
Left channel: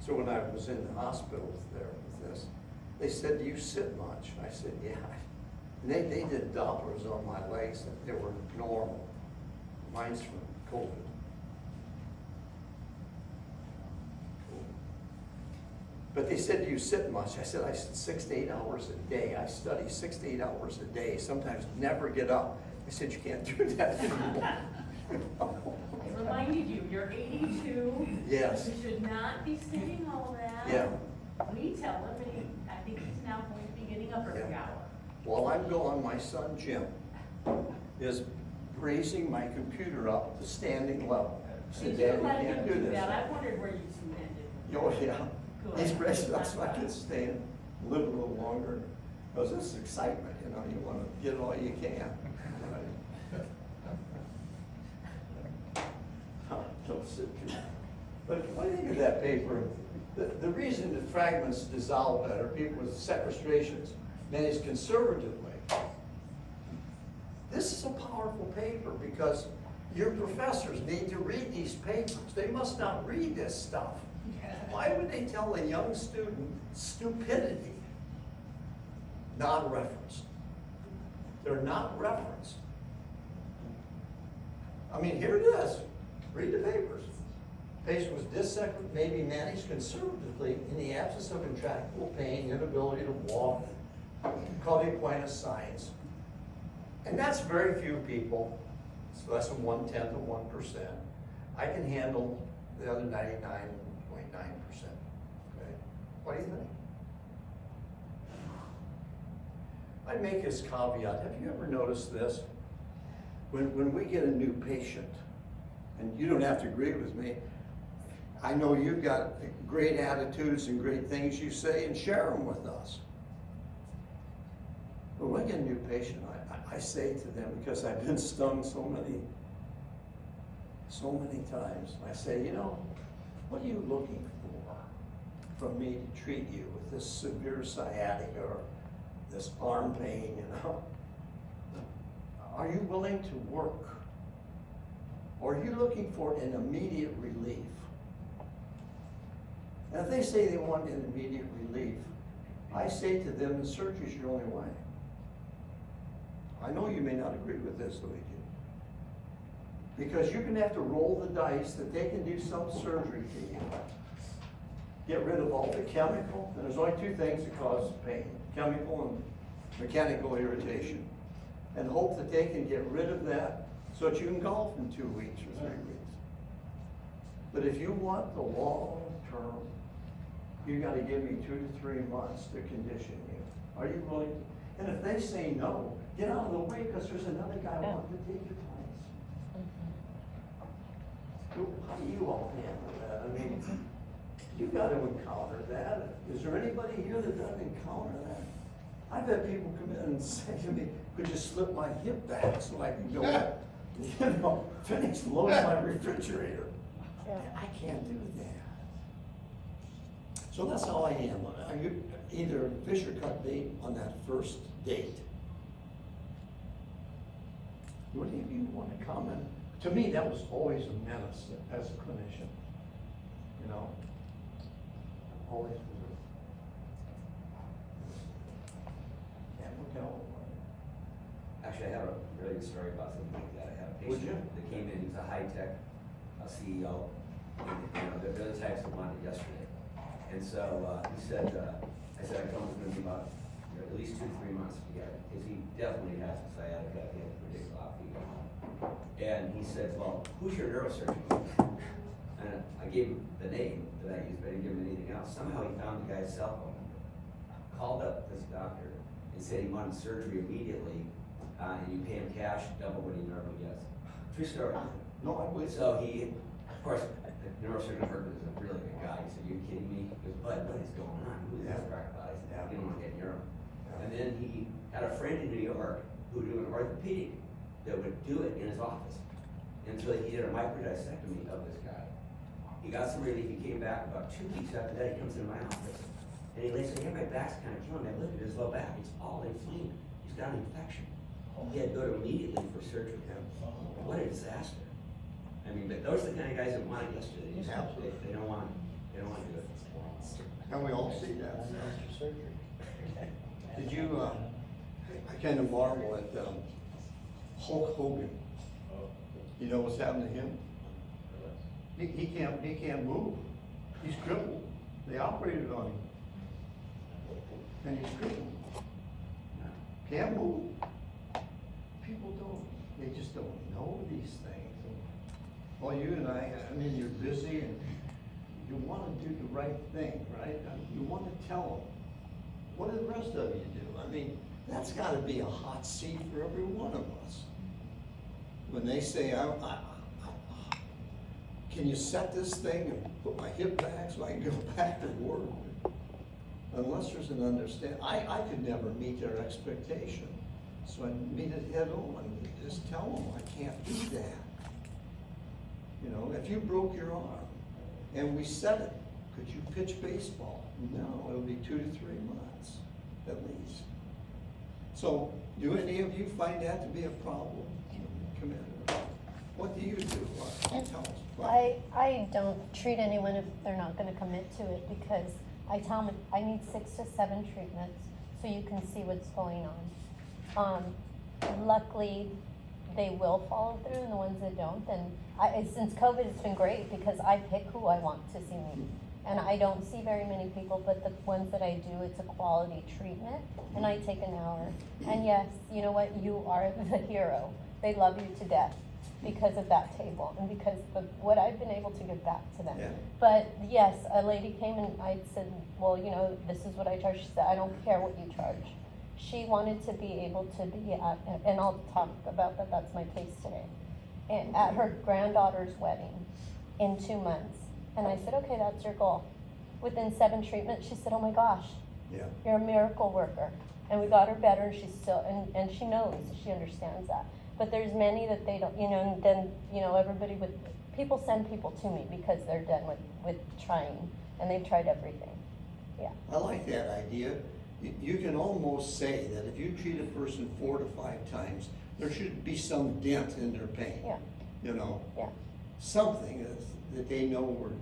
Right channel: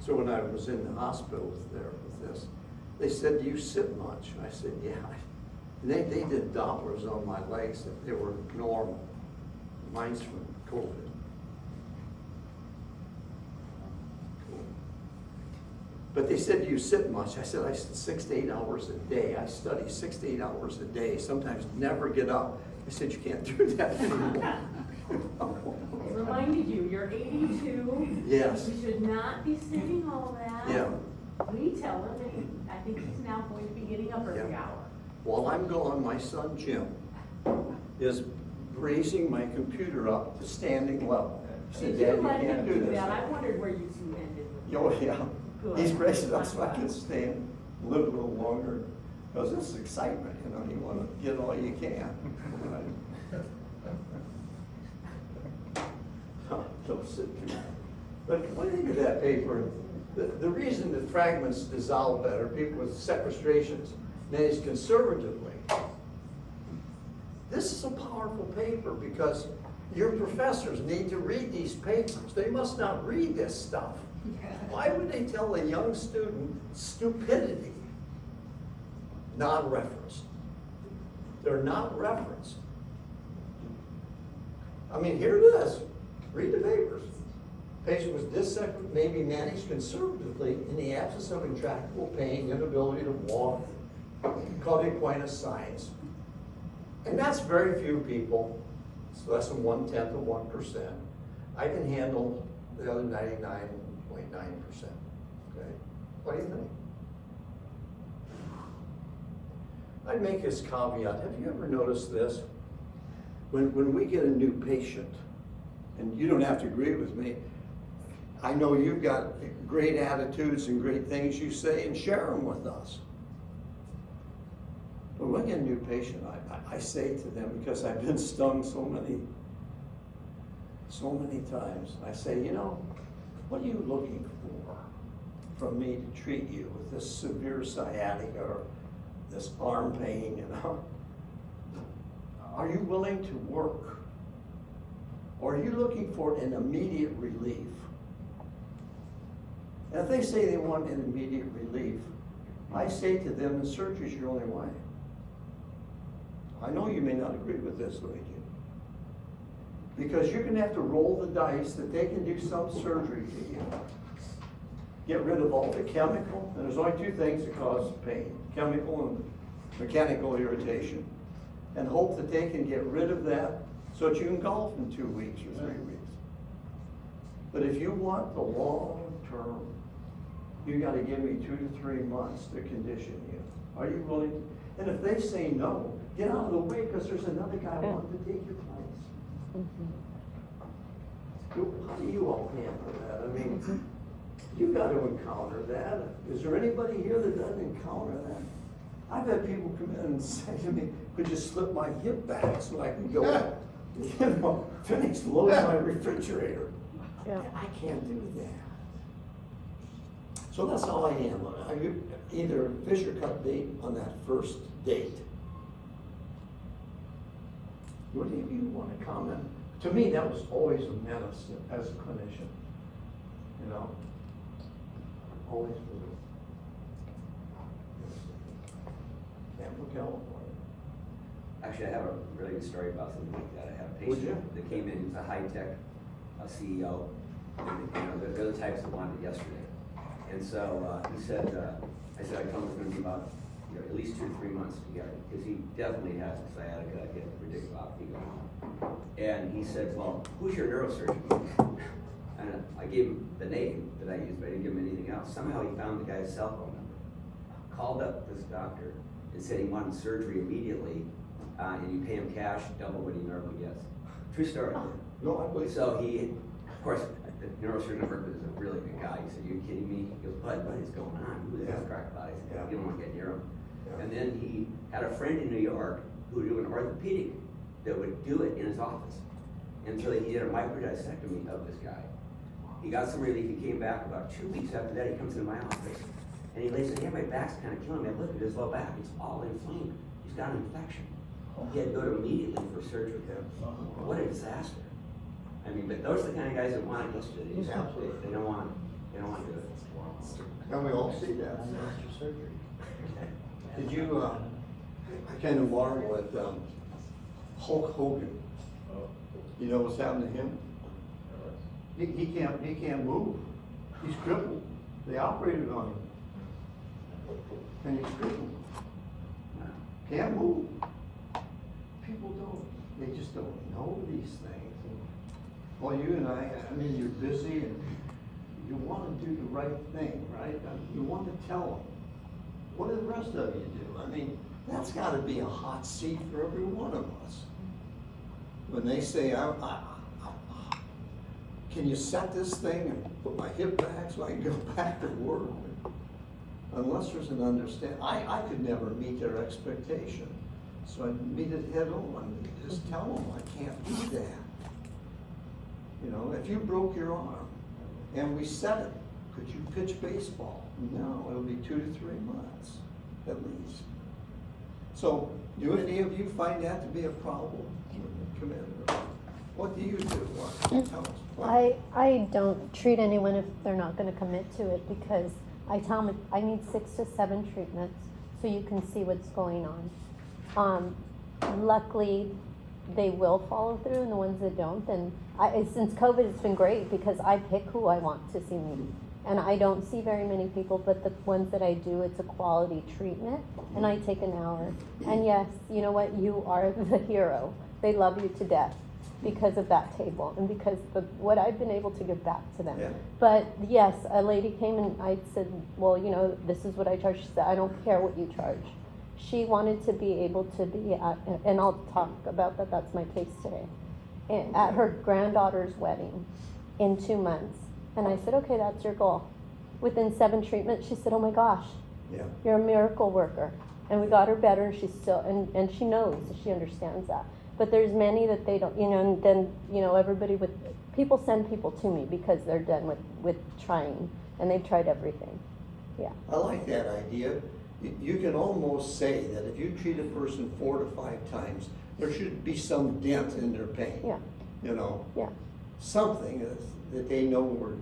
So when I was in the hospital there with this, they said, do you sit much? And I said, yeah. And they did Dopplers on my legs that they were normal. Mine's from COVID. But they said, do you sit much? I said, I sit 6 to 8 hours a day. I study 6 to 8 hours a day, sometimes never get up. I said, you can't do that anymore. It reminded you, you're 82. Yes. You should not be sitting all that. Yeah. We tell him, and I think he's now going to be getting up every Yeah. hour. While I'm gone, my son Jim is raising my computer up to standing level. He said, Dad, you can't do this. I wondered where you two ended. Oh, yeah. Good. He's raising up so I can stand, live a little longer. Because this is excitement, you know, you want to get all you can. Don't sit too. But when I think of that paper, the reason that fragments dissolve better, people with sequestrations manage conservatively. This is a powerful paper because your professors need to read these papers. They must not read this stuff. Why would they tell a young student stupidity? Non-referenced. They're not referenced. I mean, here it is. Read the papers. Patient was dissected, may be managed conservatively in the absence of intractable pain, inability to walk, called equine signs. And that's very few people. It's less than 1/10 of 1%. I can handle the other 99.9%. Okay? What do you think? I'd make this caveat. Have you ever noticed this? When we get a new patient, and you don't have to agree with me, I know you've got great attitudes and great things you say, and share them with us. But when I get a new patient, I say to them, because I've been stung so many times, I say, you know, what are you looking for from me to treat you with this severe sciatica or this arm pain, you know? Are you willing to work? Or are you looking for an immediate relief? And if they say they want an immediate relief, I say to them, the surgery is your only way. I know you may not agree with this, Luigi. Because you're gonna have to roll the dice that they can do some surgery to you. Get rid of all the chemical, and there's only two things that cause pain, chemical and mechanical irritation. And hope that they can get rid of that so that you can golf in 2 weeks or 3 weeks. But if you want the long term, you gotta give me 2 to 3 months to condition you. Are you willing to? And if they say no, get out of the way, because there's another guy wanting to take your place. How do you all handle that? I mean, you gotta encounter that. Is there anybody here that doesn't encounter that? I've had people come in and say to me, could you slip my hip back so I can go, you know, finish loading my refrigerator? I can't do that. So that's how I am. I either fish or cut bait on that first date. What do you want to comment? To me, that was always a menace as a clinician. You know, always was. Actually, I have a really good story about something like that. I had a Would you? patient that came in, he's a high-tech CEO, and, you know, they're the types that wanted it yesterday. And so, he said, I said, I told him it's gonna be about, you know, at least 2 to 3 months to get it, because he definitely has a sciatica, I can't predict about if he going home. And he said, well, who's your neurosurgeon? And I gave him the name that I used, but I didn't give him anything else. Somehow he found the guy's cell phone number, called up this doctor, and said he wanted surgery immediately, and you pay him cash, double what he normally gets. True story. No, I believe So he, of course, the neurosurgeon I worked with is a really good guy. He said, "You kidding me?" He goes, "What is going on? Who the hell's crack about it?" I said, "You don't want to get near him." Yeah. And then he had a friend in New York who would do an orthopedic that would do it in his office. And so he did a microdissectomy of this guy. He got some relief, he came back about 2 weeks after that, he comes into my office. And he lays, hey, my back's kinda killing me, I look at his low back, it's all inflamed, he's got an infection. He had to go to immediately for surgery. What a disaster. I mean, but those are the kind of guys that want it yesterday. Absolutely. They don't want to do it. And we all see that after surgery. Did you, I kind of marvel at Hulk Hogan. You know what's happened to him? He can't move. He's crippled. They operated on him. And he's crippled. Can't move. People they just don't know these things. Well, you and I mean, you're busy and you want to do the right thing, right? You want to tell them. What do the rest of you do? I mean, that's got to be a hot seat for every one of us. When they say, can you set this thing and put my hip back so I can go back to work? Unless there's an understanding. I could never meet their expectation. So I meet it head on. Just tell them I can't do that. You know, if you broke your arm and we set it, could you pitch baseball? No, it'll be 2 to 3 months at least. So, do any of you find that to be a problem, Commander? What do you do? Tell us. I don't treat anyone if they're not gonna commit to it, because I tell them I need 6 to 7 treatments so you can see what's going on. Luckily, they will follow through, and the ones that don't, and since COVID, it's been great because I pick who I want to see me. And I don't see very many people, but the ones that I do, it's a quality treatment, and I take an hour. And yes, you know what, you are the hero. They love you to death because of that table, and because of what I've been able to give back to them. Yeah. But yes, a lady came and I said, well, you know, this is what I charge. She said, I don't care what you charge. She wanted to be able to be at, and I'll talk about that, that's my case today, at her granddaughter's wedding in 2 months. And I said, okay, that's your goal. Within 7 treatments, she said, oh my gosh, Yeah. you're a miracle worker. And we got her better, and she's still, and she knows, she understands that. But there's many that they don't, you know, and then, you know, people send people to me because they're done with trying, and they've tried everything, yeah. I like that idea. You can almost say that if you treat a person 4 to 5 times, there should be some dent in their pain. Yeah. You know? Yeah. Something that they know we're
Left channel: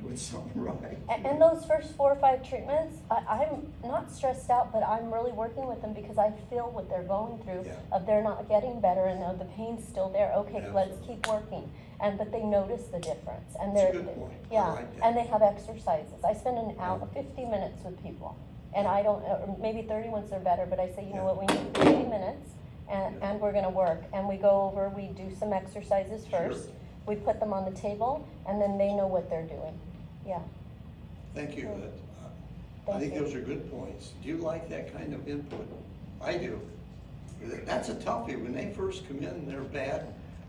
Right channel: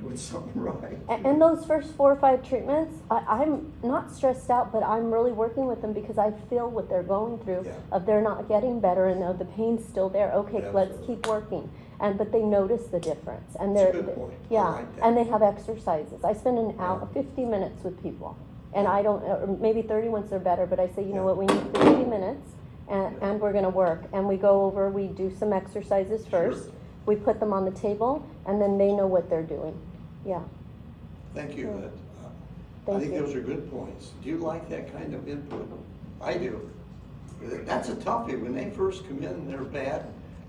doing something right. And those first 4 or 5 treatments, I'm not stressed out, but I'm really working with them because I feel what they're going through. Yeah. Of they're not getting better and the pain's still there. Okay, let's Absolutely. keep working. But they notice the difference, and That's a they're good point. I yeah, like that. and they have exercises. I spend an hour, 50 minutes with people, and I don't, or maybe 30 once they're better. But I say, you know what, we need 50 minutes, and we're gonna work, and we go over, we do some exercises first. Sure. We put them on the table, and then they know what they're doing. Yeah. Thank you. I Thank think you. those are good points. Do you like that kind of input? I do. That's a toughie. When they first come in, they're bad.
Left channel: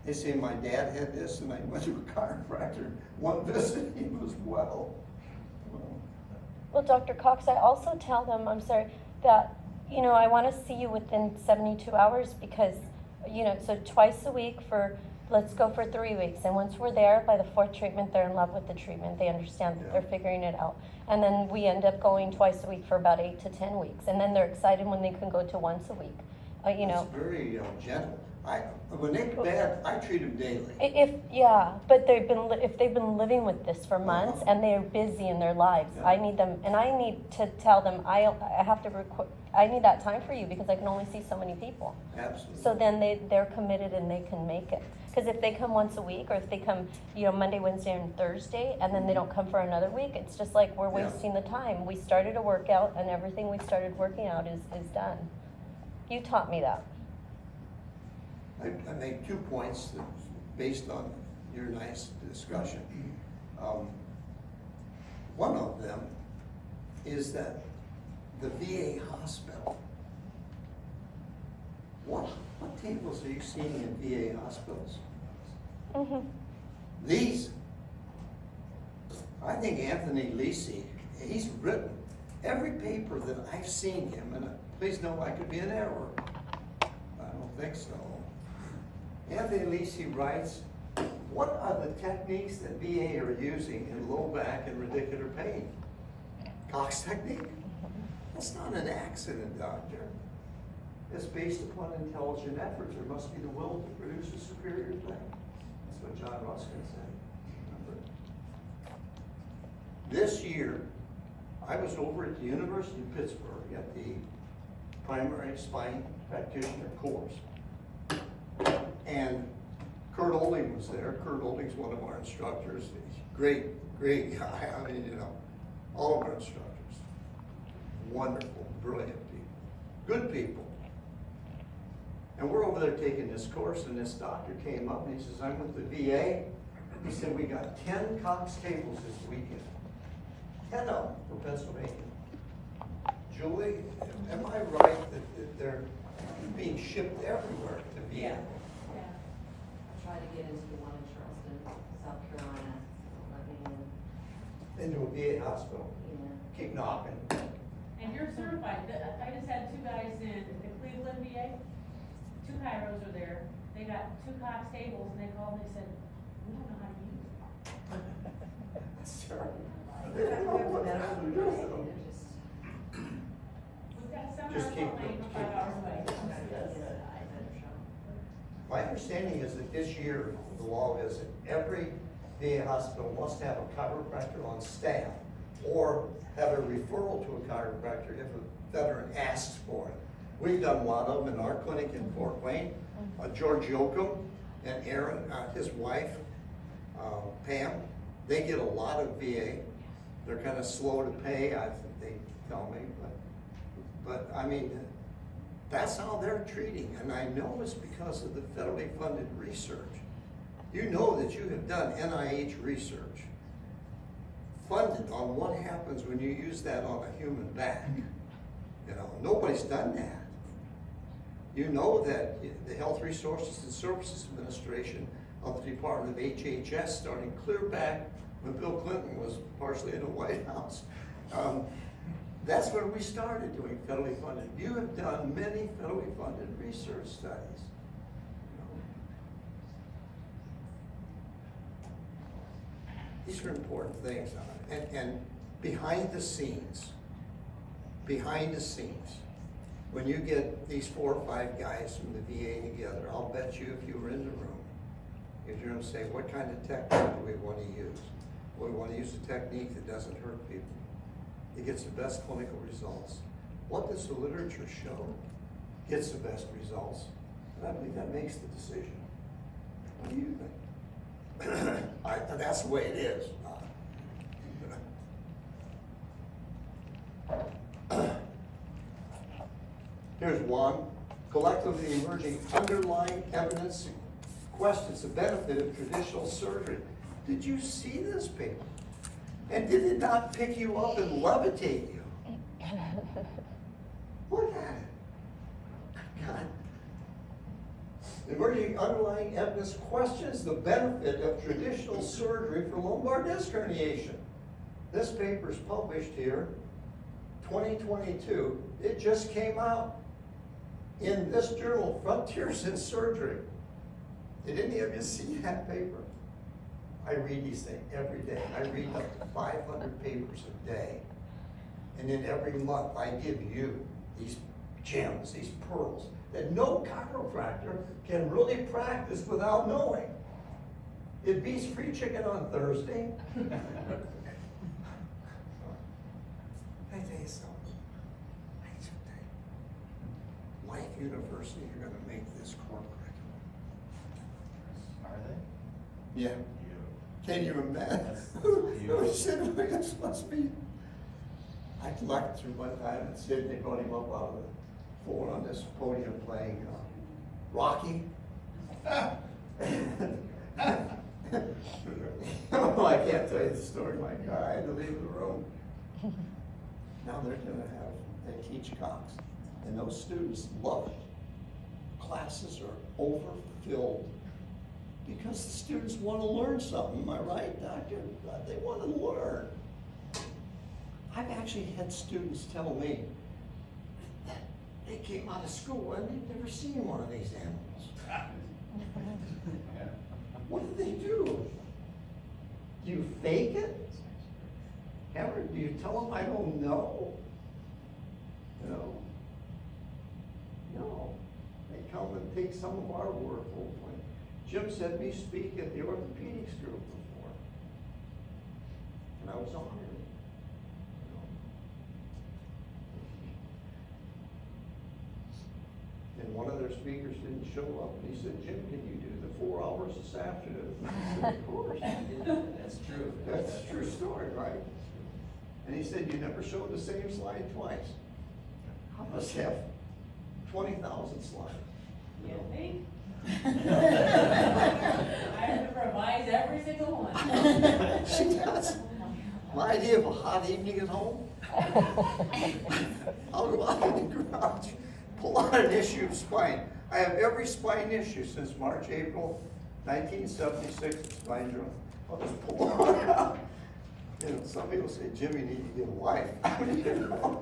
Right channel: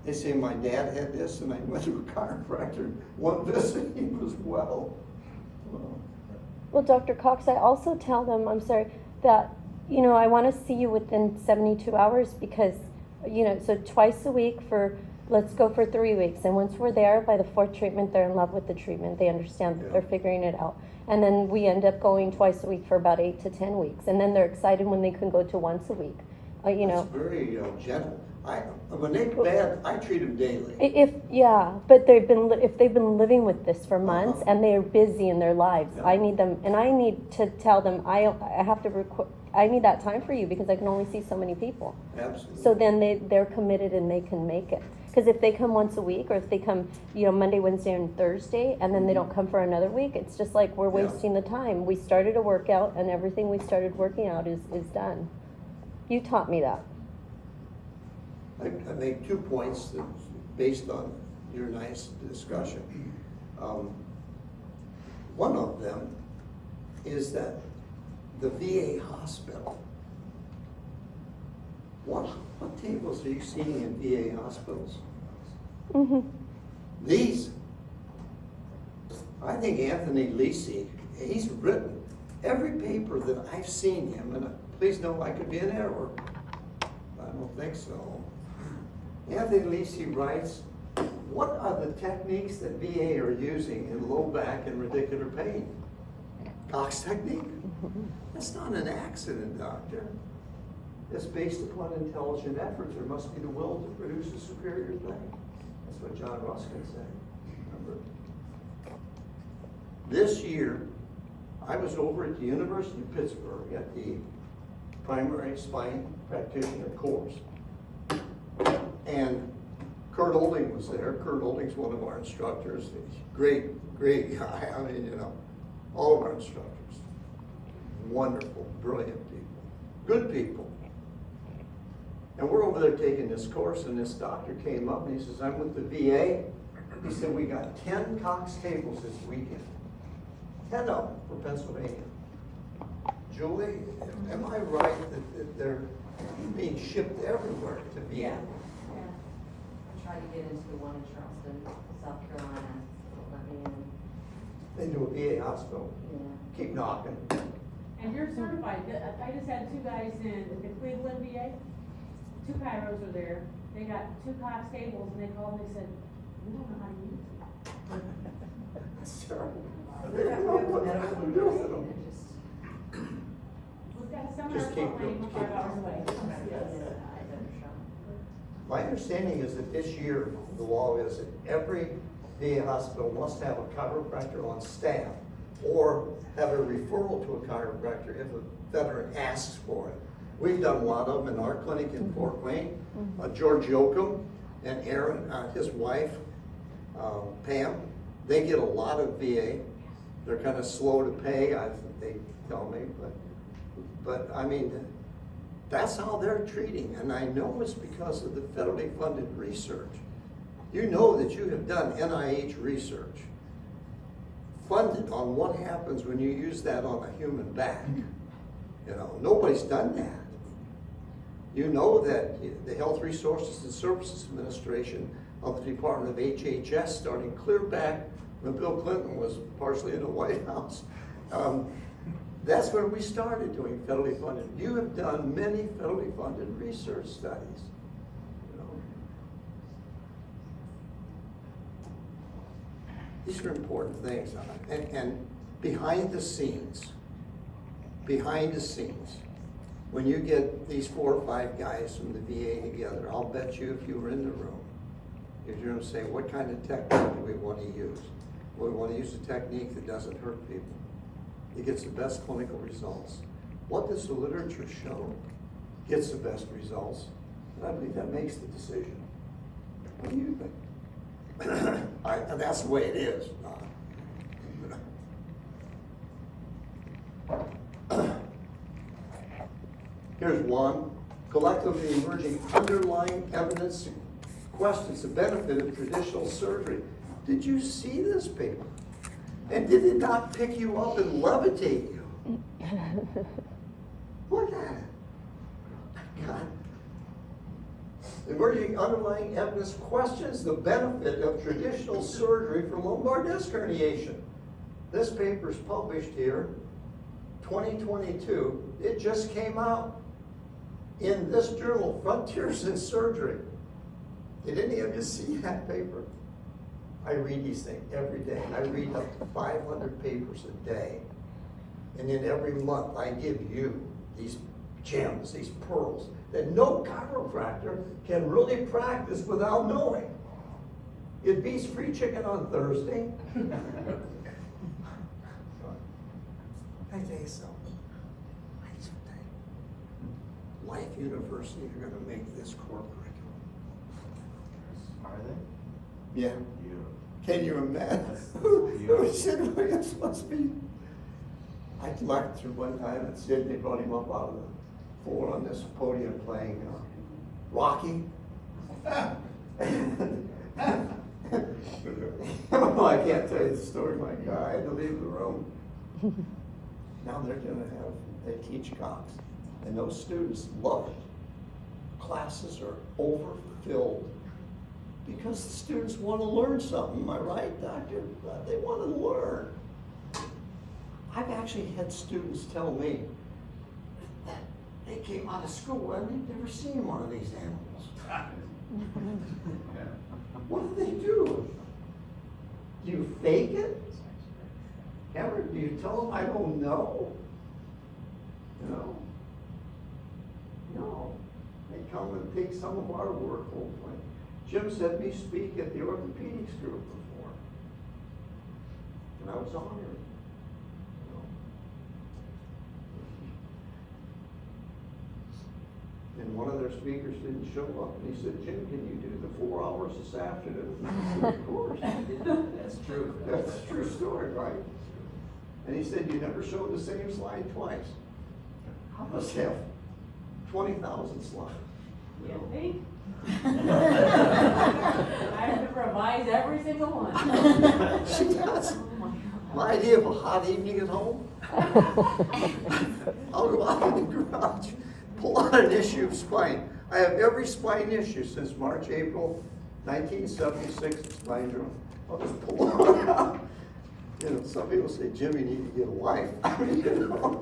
They say, my dad had this, and I went to a chiropractor. One visit, he was well. Well, Dr. Cox, I also tell them, I'm sorry, that, you know, I want to see you within 72 hours because, you know, so twice a week for, let's go for 3 weeks. And once we're there, by the 4th treatment, they're in love with the treatment. They understand that Yeah. they're figuring it out. And then we end up going twice a week for about 8 to 10 weeks. And then they're excited when they can go to once a week. You That's know, very gentle. When they're bad, I treat them daily. but if they've been living with this for months and they're busy in their lives, Yeah. I need them, and I need to tell them I have to I need that time for you because I can only see so many people. Absolutely. So then they're committed and they can make it. Because if they come once a week, or if they come, you know, Monday, Wednesday, and Thursday, and then they don't come for another week, it's just like we're Yeah. wasting the time. We started a workout, and everything we started working out is done. You taught me that. I make 2 points that, based on your nice discussion. One of them is that the VA hospital, what tables are you seeing in VA hospitals? Mm-hmm. These. I think Anthony Lisi, he's written every paper that I've seen him, and please know I could be in error. I don't think so. Anthony Lisi writes what are the techniques that VA are using in low back and radicular pain? Cox technique? That's not an accident, doctor. It's based upon intelligent effort. There must be the will to produce a superior thing. That's what John Ruskin said, remember? This year, I was over at the University of Pittsburgh at the primary spine practitioner course. And Kurt Olding was there. Kurt Olding's one of our instructors. Great, great guy. I mean, you know, all of our instructors. Wonderful, brilliant people. Good people. And we're over there taking this course, and this doctor came up and he says, I'm with the VA. He said, we got 10 Cox cables this weekend. 10 of them for Pennsylvania. Julie, am I right that they're being shipped everywhere to Vienna? I tried to get into the one in Charleston, South Carolina, so let me in. Into a VA hospital. Yeah. Keep knocking. And you're certified. I just had 2 guys in the Cleveland VA. 2 chiros were there. They got 2 Cox cables and they called and they said, we don't know how to use it. That's terrible. They don't know what the hell to do with them. We've got a seminar Just keep playing them, keep 5 hours away. My understanding is that this year, the law is that every VA hospital must have a chiropractor on staff or have a referral to a chiropractor if a veteran asks for it. We've done a lot of them in our clinic in Fort Wayne. George Yoakum and Aaron, his wife, Pam, they get a lot of VA. They're kind of slow to pay, I think they tell me, but I mean, that's how they're treating, and I know it's because of the federally funded research. You know that you have done NIH research funded on what happens when you use that on a human back. You know, nobody's done that. You know that the Health Resources and Services Administration of the Department of HHS, starting clear back when Bill Clinton was partially in the White House, that's where we started doing federally funded. You have done many federally funded research studies. You know. These are important things, and behind the scenes, when you get these 4 or 5 guys from the VA together, I'll bet you if you were in the room, if you're going to say, what kind of technique do we want to use? Well, we want to use a technique that doesn't hurt people. It gets the best clinical results. What does the literature show gets the best results? And I believe that makes the decision. What do you think? That's the way it is. Here's one. Collectively emerging underlying evidence questions the benefit of traditional surgery. Did you see this paper? And did it not pick you up and levitate you? Look at it. God. Emerging underlying evidence questions the benefit of traditional surgery for lumbar disc herniation. This paper is published here, 2022. It just came out in this journal, Frontiers in Surgery. Did any of you see that paper? I read these things every day. I read up to 500 papers a day. And then every month I give you these gems, these pearls, that no chiropractor can really practice without knowing. It beats free chicken on Thursday. I tell you something. Life University, you're gonna make this core curriculum. Are they? Yeah. Can you imagine? It must be. I lectured one time at Sydney, brought him up out of the floor on this podium playing Rocky. Oh, I can't tell you the story, my God, I had to leave the room. Now they're they teach Cox, and those students love it. Classes are overfilled. Because the students want to learn something, am I right, doctor? They want to learn. I've actually had students tell me that they came out of school and they've never seen one of these animals. What do they do? Do you fake it? Cameron, do you tell them I don't know? You know? No. They come and take some of our work hopefully. Jim said me speak at the orthopedics group before. And I was honored. You know? And one of their speakers didn't show up, and he said, Jim, can you do the 4 hours this afternoon? I said, of course. That's true. That's a true story, right? And he said, you never showed the same slide twice. I must have 20,000 slides. You know? think? I have to revise every single one. She does. My idea of a hot evening at home, I'll go out in the garage, pull out an issue of spine. I have every spine issue since March, April 1976 spine drill. I'll just pull one out. You know, some people say, Jim, you need to get a wife. You know?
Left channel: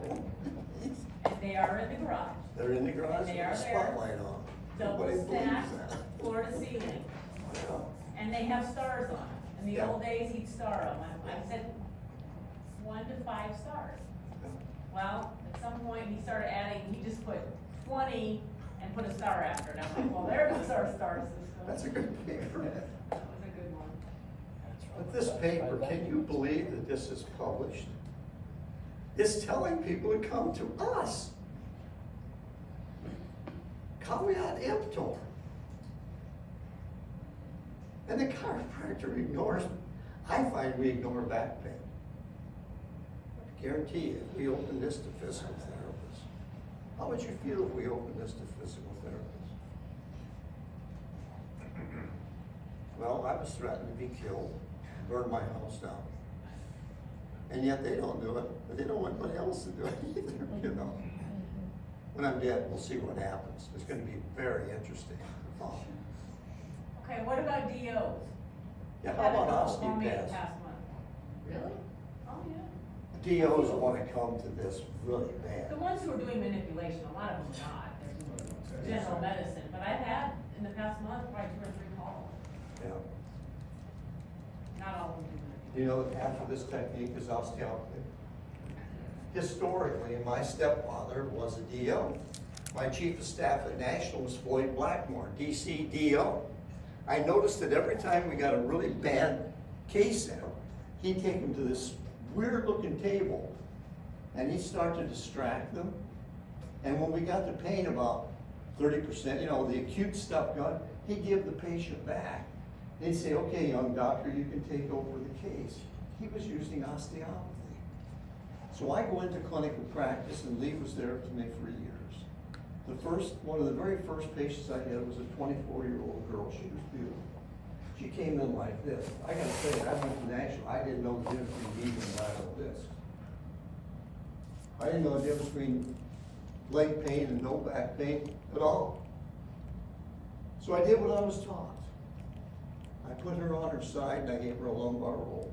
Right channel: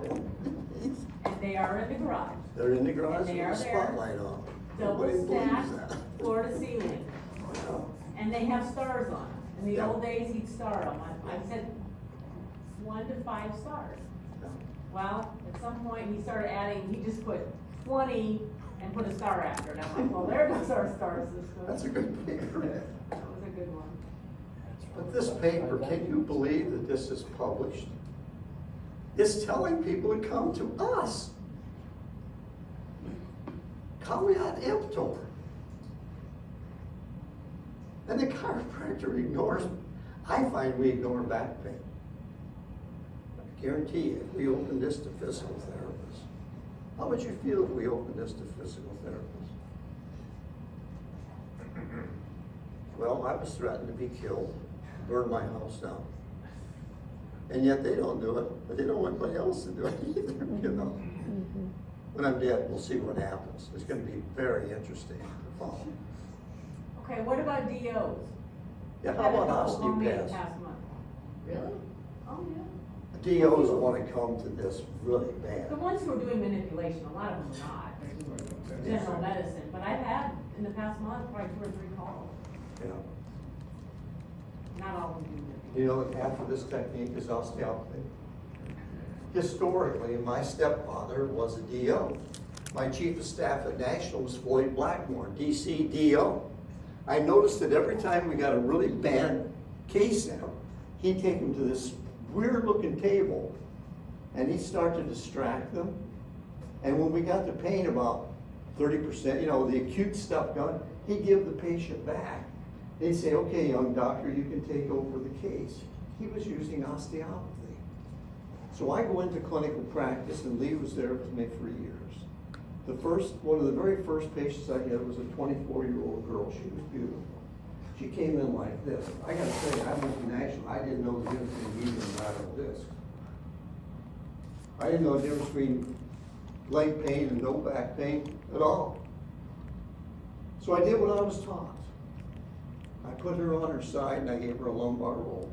And they are in the garage. They're in the garage And they with are a spotlight on. Double Nobody believes stacked, that. floor to ceiling. Yeah. And they have stars on them. In the Yeah. old days, he'd star them. I said 1 to 5 stars. Yeah. Well, at some point, he started adding, he just put 20 and put a star after it. I'm like, well, there goes our star system. That's a good paper. That was a good one. But this paper, can you believe that this is published? It's telling people to come to us. Caveat emptor. And the chiropractor ignores me. I find we ignore back pain. I guarantee you, if we open this to physical therapists, how would you feel if we opened this to physical therapists? Well, I was threatened to be killed, burn my house down. And yet they don't do it, but they don't want anybody else to do it either, you know. When I'm dead, we'll see what happens. It's gonna be very interesting to follow. Okay, what about DOs? Yeah, how Had a about couple call me osteopaths? Past month. Really? Oh, yeah. DOs wanna come to this really bad. The ones who are doing manipulation, a lot of them are not. They're general medicine, but I've had in the past month probably 2 or 3 calls. Yeah. Not all of them do manipulation. You know that half of this technique is osteopathy? Historically, my stepfather was a DO. My chief of staff at National was Floyd Blackmore, DC DO. I noticed that every time we got a really bad case in, he'd take them to this weird looking table and he'd start to distract them. And when we got the pain about 30%, you know, the acute stuff done, he'd give the patient back. They'd say, okay, young doctor, you can take over the case. He was using osteopathy. So I go into clinical practice, and Lee was there with me for years. One of the very first patients I had was a 24-year-old girl. She was beautiful. She came in like this. I gotta tell you, I went to National, I didn't know the difference between median and lateral disc. I didn't know the difference between leg pain and no back pain at all. So I did what I was taught. I put her on her side and I gave her a lumbar roll.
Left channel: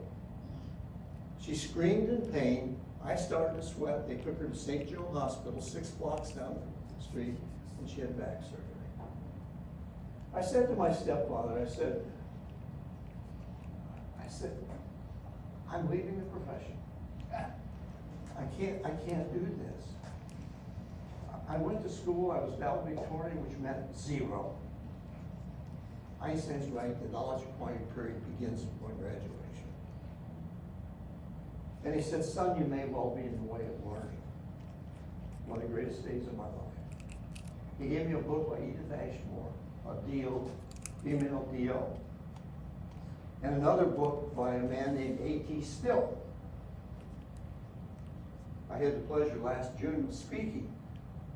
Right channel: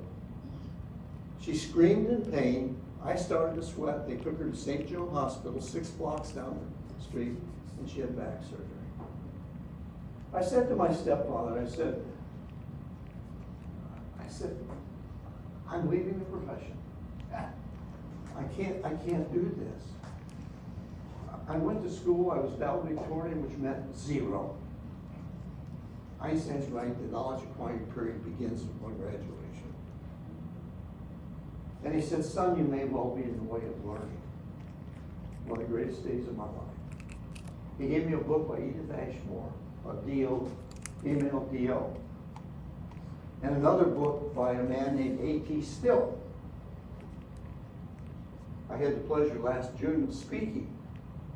She screamed in pain. I started to sweat. They took her to St. Joe Hospital, 6 blocks down the street, and she had back surgery. I said to my stepfather, I said, I'm leaving the profession. I can't do this. I went to school, I was valedictorian, which meant 0. Einstein's right, the knowledge acquired period begins upon graduation. And he said, son, you may well be in the way of learning. One of the greatest days of my life. He gave me a book by Edith Ashmore, a DO, female DO. And another book by a man named A.T. Still. I had the pleasure last June of speaking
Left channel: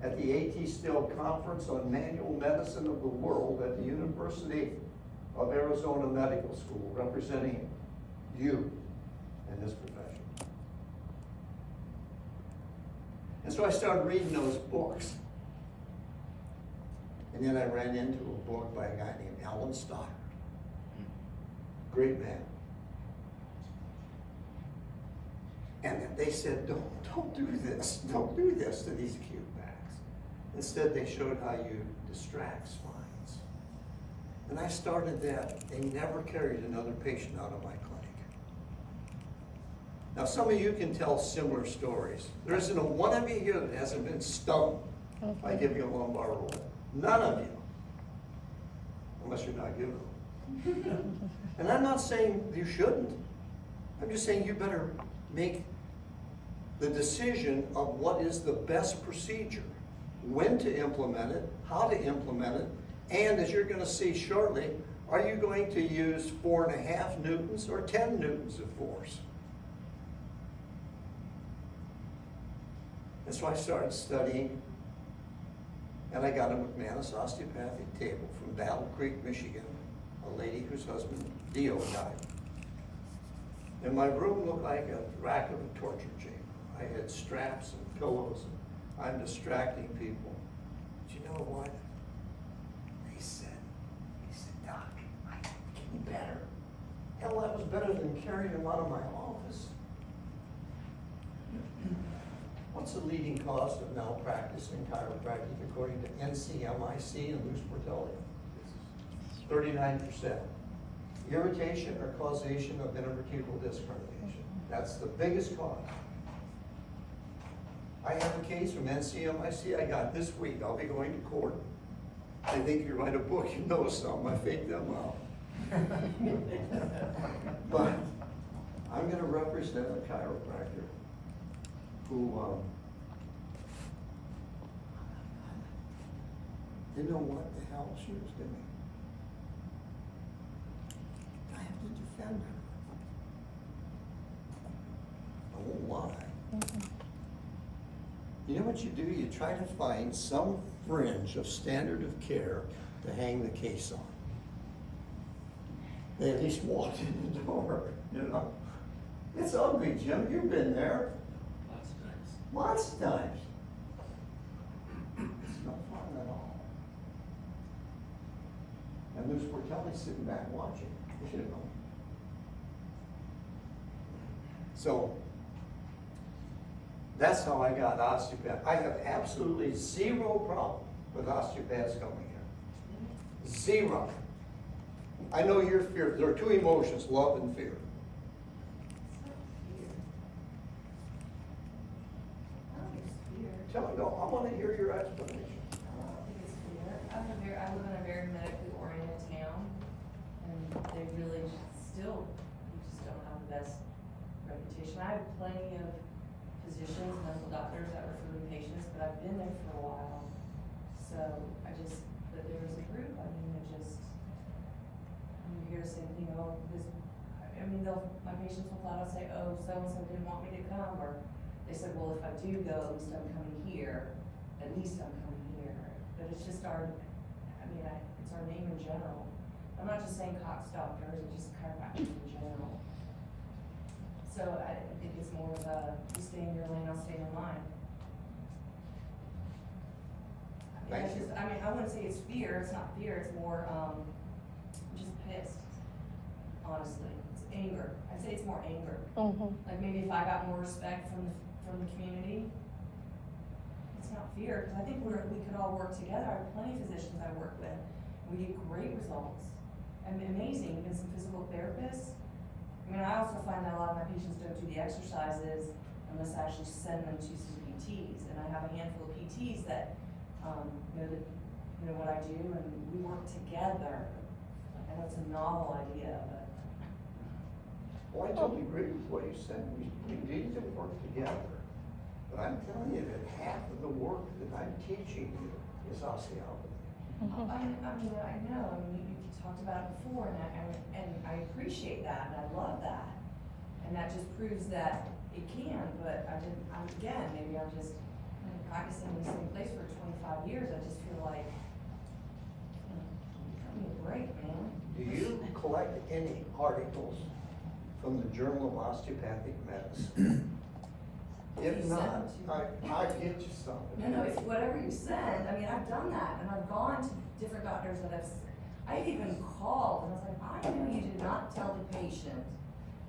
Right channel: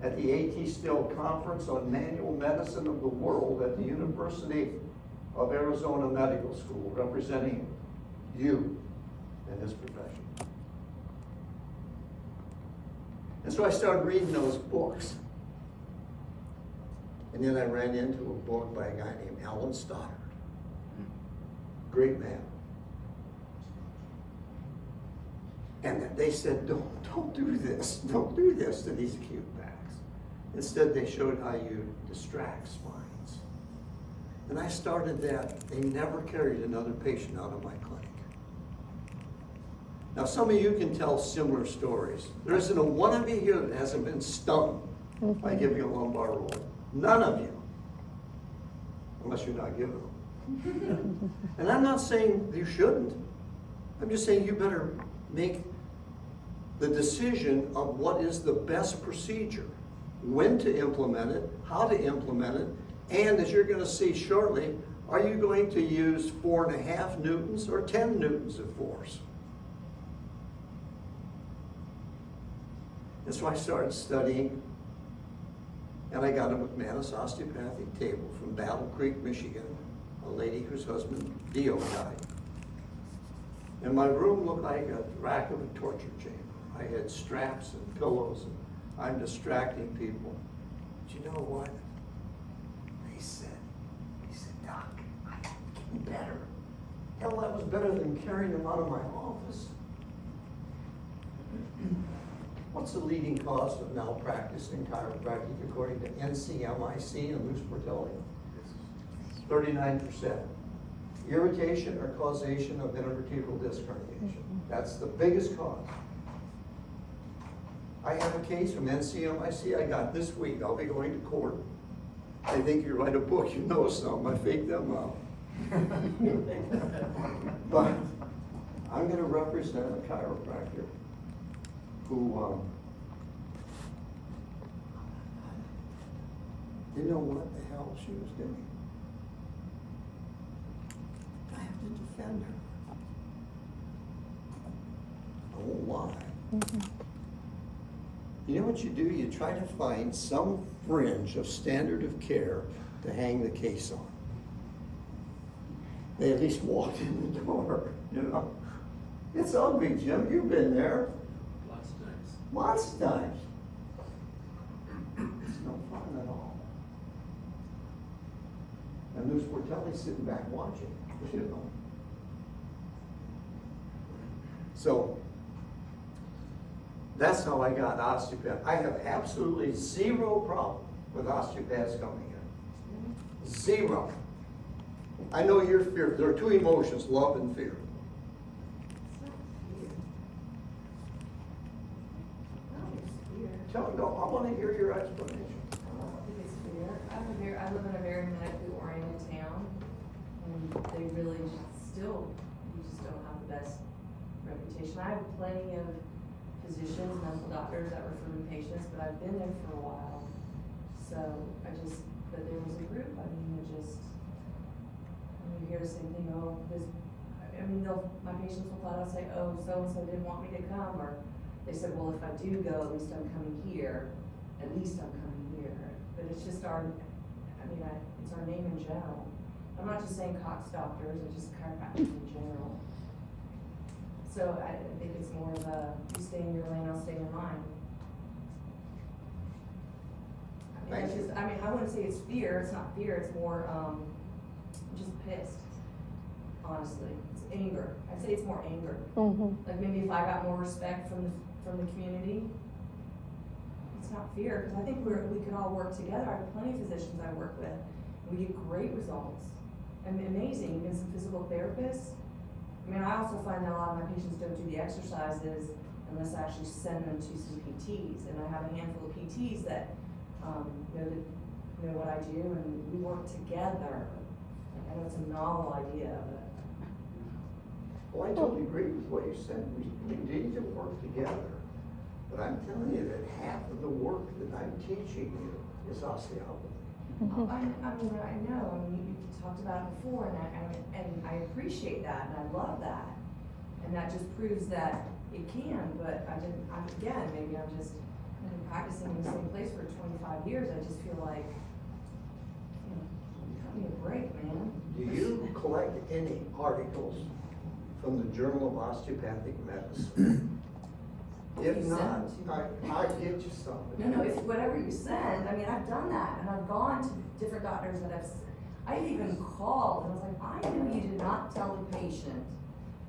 at the A.T. Still Conference on Manual Medicine of the World at the University of Arizona Medical School, representing you in this profession. And so I started reading those books. And then I ran into a book by a guy named Alan Stoddard. Great man. And they said, don't do this. Don't do this to these acute backs. Instead, they showed how you distract spines. And I started that, they never carried another patient out of my clinic. Now, some of you can tell similar stories. There isn't a one of you here that hasn't been stung by giving a lumbar roll. None of you. Unless you're not giving them. And I'm not saying you shouldn't. I'm just saying you better make the decision of what is the best procedure, when to implement it, how to implement it, and as you're going to see shortly, are you going to use 4.5 newtons or 10 newtons of force? And so I started studying, and I got a McManus osteopathic table from Battle Creek, Michigan, a lady whose husband, Dio, died. And my room looked like a rack of a torture chamber. I had straps and pillows, and I'm distracting people. But you know what? He said, Doc, I got getting better. Hell, that was better than carrying him out of my office. What's the leading cause of malpractice in chiropractic according to NCMIC and Luz Portelli? 39%. Irritation or causation of intervertebral disc herniation. That's the biggest cause. I have a case from NCMIC I got this week. I'll be going to court. They think you write a book, you know something. I fake them out. But I'm going to represent a chiropractor who didn't know what the hell she was doing. I have to defend her. I won't lie. You know what you do? You try to find some fringe of standard of care to hang the case on. They at least walked in the door, you know. It's ugly, Jim. You've been there. Lots of times. Lots of times. It's no fun at all. And Luz Portelli's sitting back watching, you know. So, that's how I got osteopath. I have absolutely zero problem with osteopaths coming here. Zero. I know you're fear. There are two emotions, love and fear. Tell me, no, I want to hear your explanation. I don't think it's fair. I live in a very medically oriented town, and they really we just don't have the best reputation. I have plenty of physicians, medical doctors that refer to patients, but I've been there for a while. So but there was a group, you hear the same thing, my patients will flat out say, oh, so-and-so didn't want me to come, or they said, well, if I do go, at least I'm coming here. But it's just it's our name in general. I'm not just saying Cox doctors, it's just chiropractors in general. So I think it's more of a, you stay in your lane, I'll stay in mine. I wouldn't say it's fear, it's not fear, it's more, just pissed, honestly. It's anger. I'd say it's more anger. Like maybe if I got more respect from the community, it's not fear, because I think we can all work together. I have plenty of physicians I work with, and we get great results. And amazing, even some physical therapists. I also find that a lot of my patients don't do the exercises unless I actually send them to some PTs. And I have a handful of PTs that know what I do, and we work together. I know it's a novel idea, but. Well, I totally agree with what you said. We need to work together. But I'm telling you that half of the work that I'm teaching you is osteopathy. I know. You talked about it before, and I appreciate that, and I love that, and that just proves that it can. But maybe I'm just been practicing in the same place for 25 years. I just feel like, cut me a break, man. Do you collect any articles from the Journal of Osteopathic Medicine? If You not, send them to me. I get you some. No, it's whatever you send. I've done that, and I've gone to different doctors that I've even called, and I was like, I know you did not tell the patient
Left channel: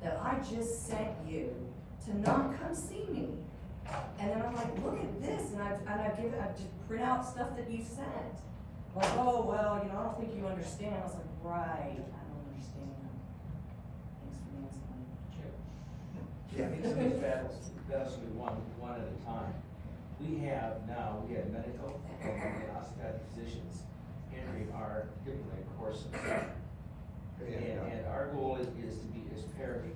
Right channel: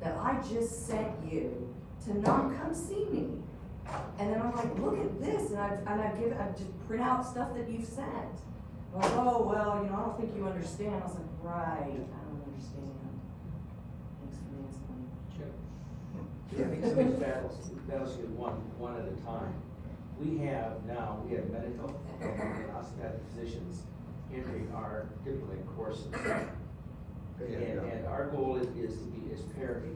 that I just sent you to not come see me. And then I'm like, look at this, and I just print out stuff that you sent. like, oh, well, you know, I don't think you understand. I was like, right, I don't understand. Thanks for asking. Yeah, I think some of these battles get one at a time. We have medical and osteopathic physicians entering our typically courses. And our goal is parity.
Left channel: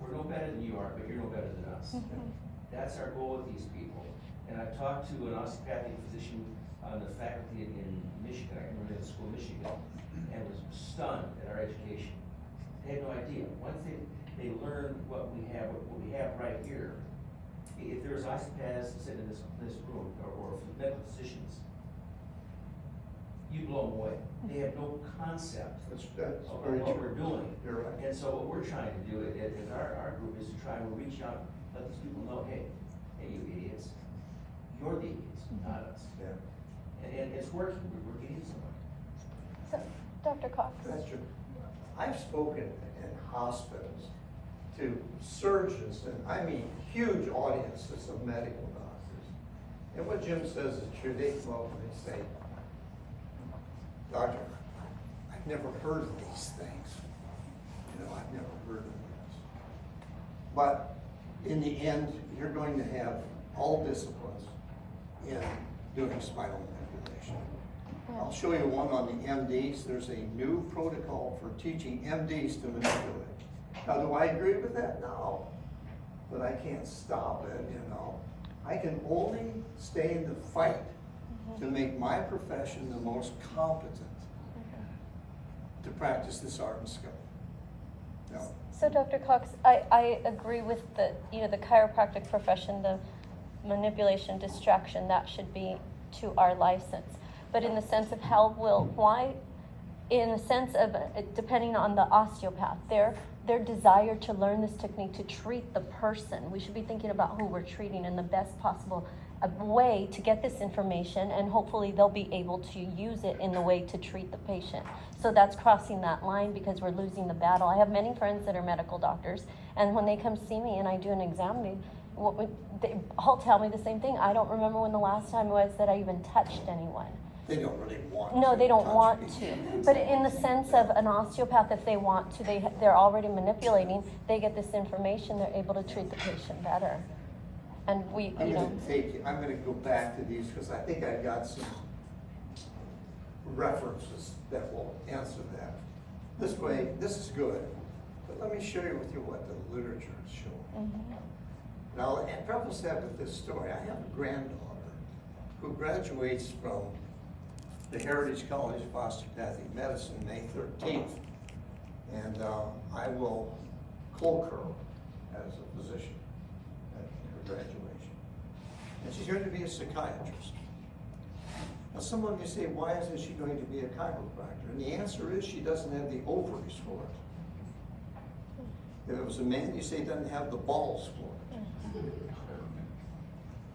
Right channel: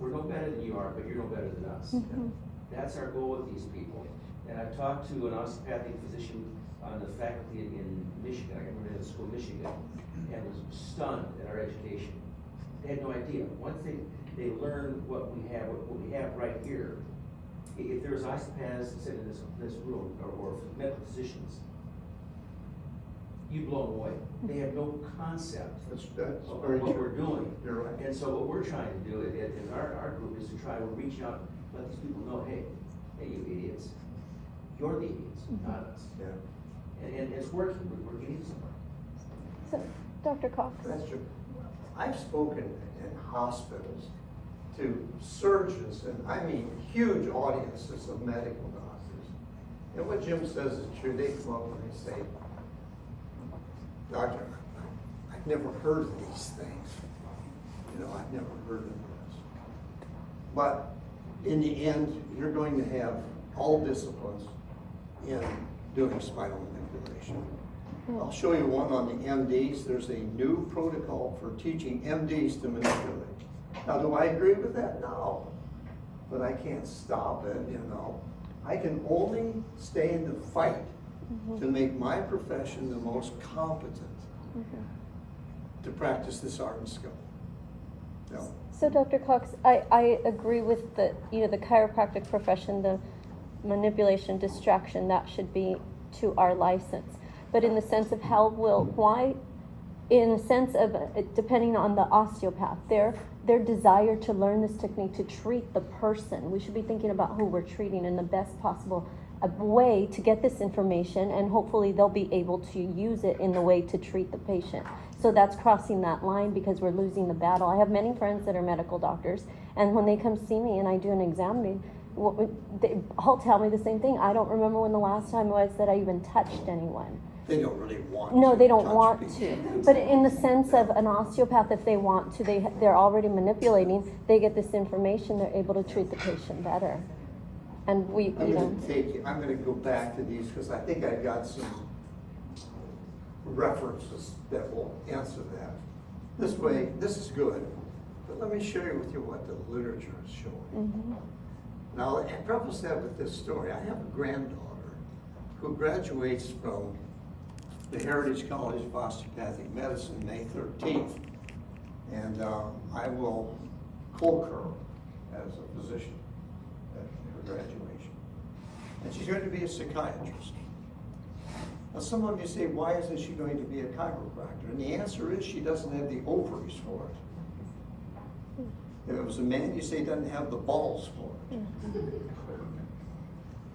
We're no better than you are, but you're no better than us. That's our goal with these people. And I've talked to an osteopathic physician on the faculty in Michigan, I remember in school, Michigan, and was stunned at our education. They had no idea. One thing, they learned what we have right here. If there's osteopaths sitting in this room, or medical physicians, you blow them away. They have no concept That's of very what true. we're doing. You're right. And so what we're trying to do in our group is to try to reach out, let these people know, hey, you idiots, you're the idiots, not us. Yeah. And it's working, we're getting somewhere. So, Dr. Cox. That's true. I've spoken in hospitals to surgeons, and I mean huge audiences of medical doctors. And what Jim says is true. They come up and they say, Doctor, I've never heard of these things. You know, I've never heard of this. But in the end, you're going to have all disciplines in doing spinal manipulation. I'll show you one on the MDs. There's a new protocol for teaching MDs to manipulate. Now, do I agree with that? No. But I can't stop it, you know. I can only stay in the fight to make my profession the most competent to practice this art and skill. No. So Dr. Cox, I agree with the chiropractic profession, the manipulation, distraction, that should be to our license. But in the sense of in the sense of, depending on the osteopath, their desire to learn this technique to treat the person, we should be thinking about who we're treating in the best possible way to get this information, and hopefully they'll be able to use it in the way to treat the patient. So that's crossing that line because we're losing the battle. I have many friends that are medical doctors, and when they come see me and I do an exam, they all tell me the same thing. I don't remember when the last time was that I even touched anyone. They don't really want No, to they don't touch want people. to. But in the sense of an osteopath, if they want to, they're already manipulating, they get this information, they're able to treat the patient better. And I'm gonna go back to these because I think I've got some references that will answer that. This way, this is good, but let me share with you what the literature is showing. Now, and preface that with this story. I have a granddaughter who graduates from the Heritage College of Osteopathic Medicine May 13th, and I will cloak her as a physician at her graduation. And she's going to be a psychiatrist. Now, some of you say, why isn't she going to be a chiropractor? And the answer is she doesn't have the ovaries for it. If it was a man, you say he doesn't have the balls for it.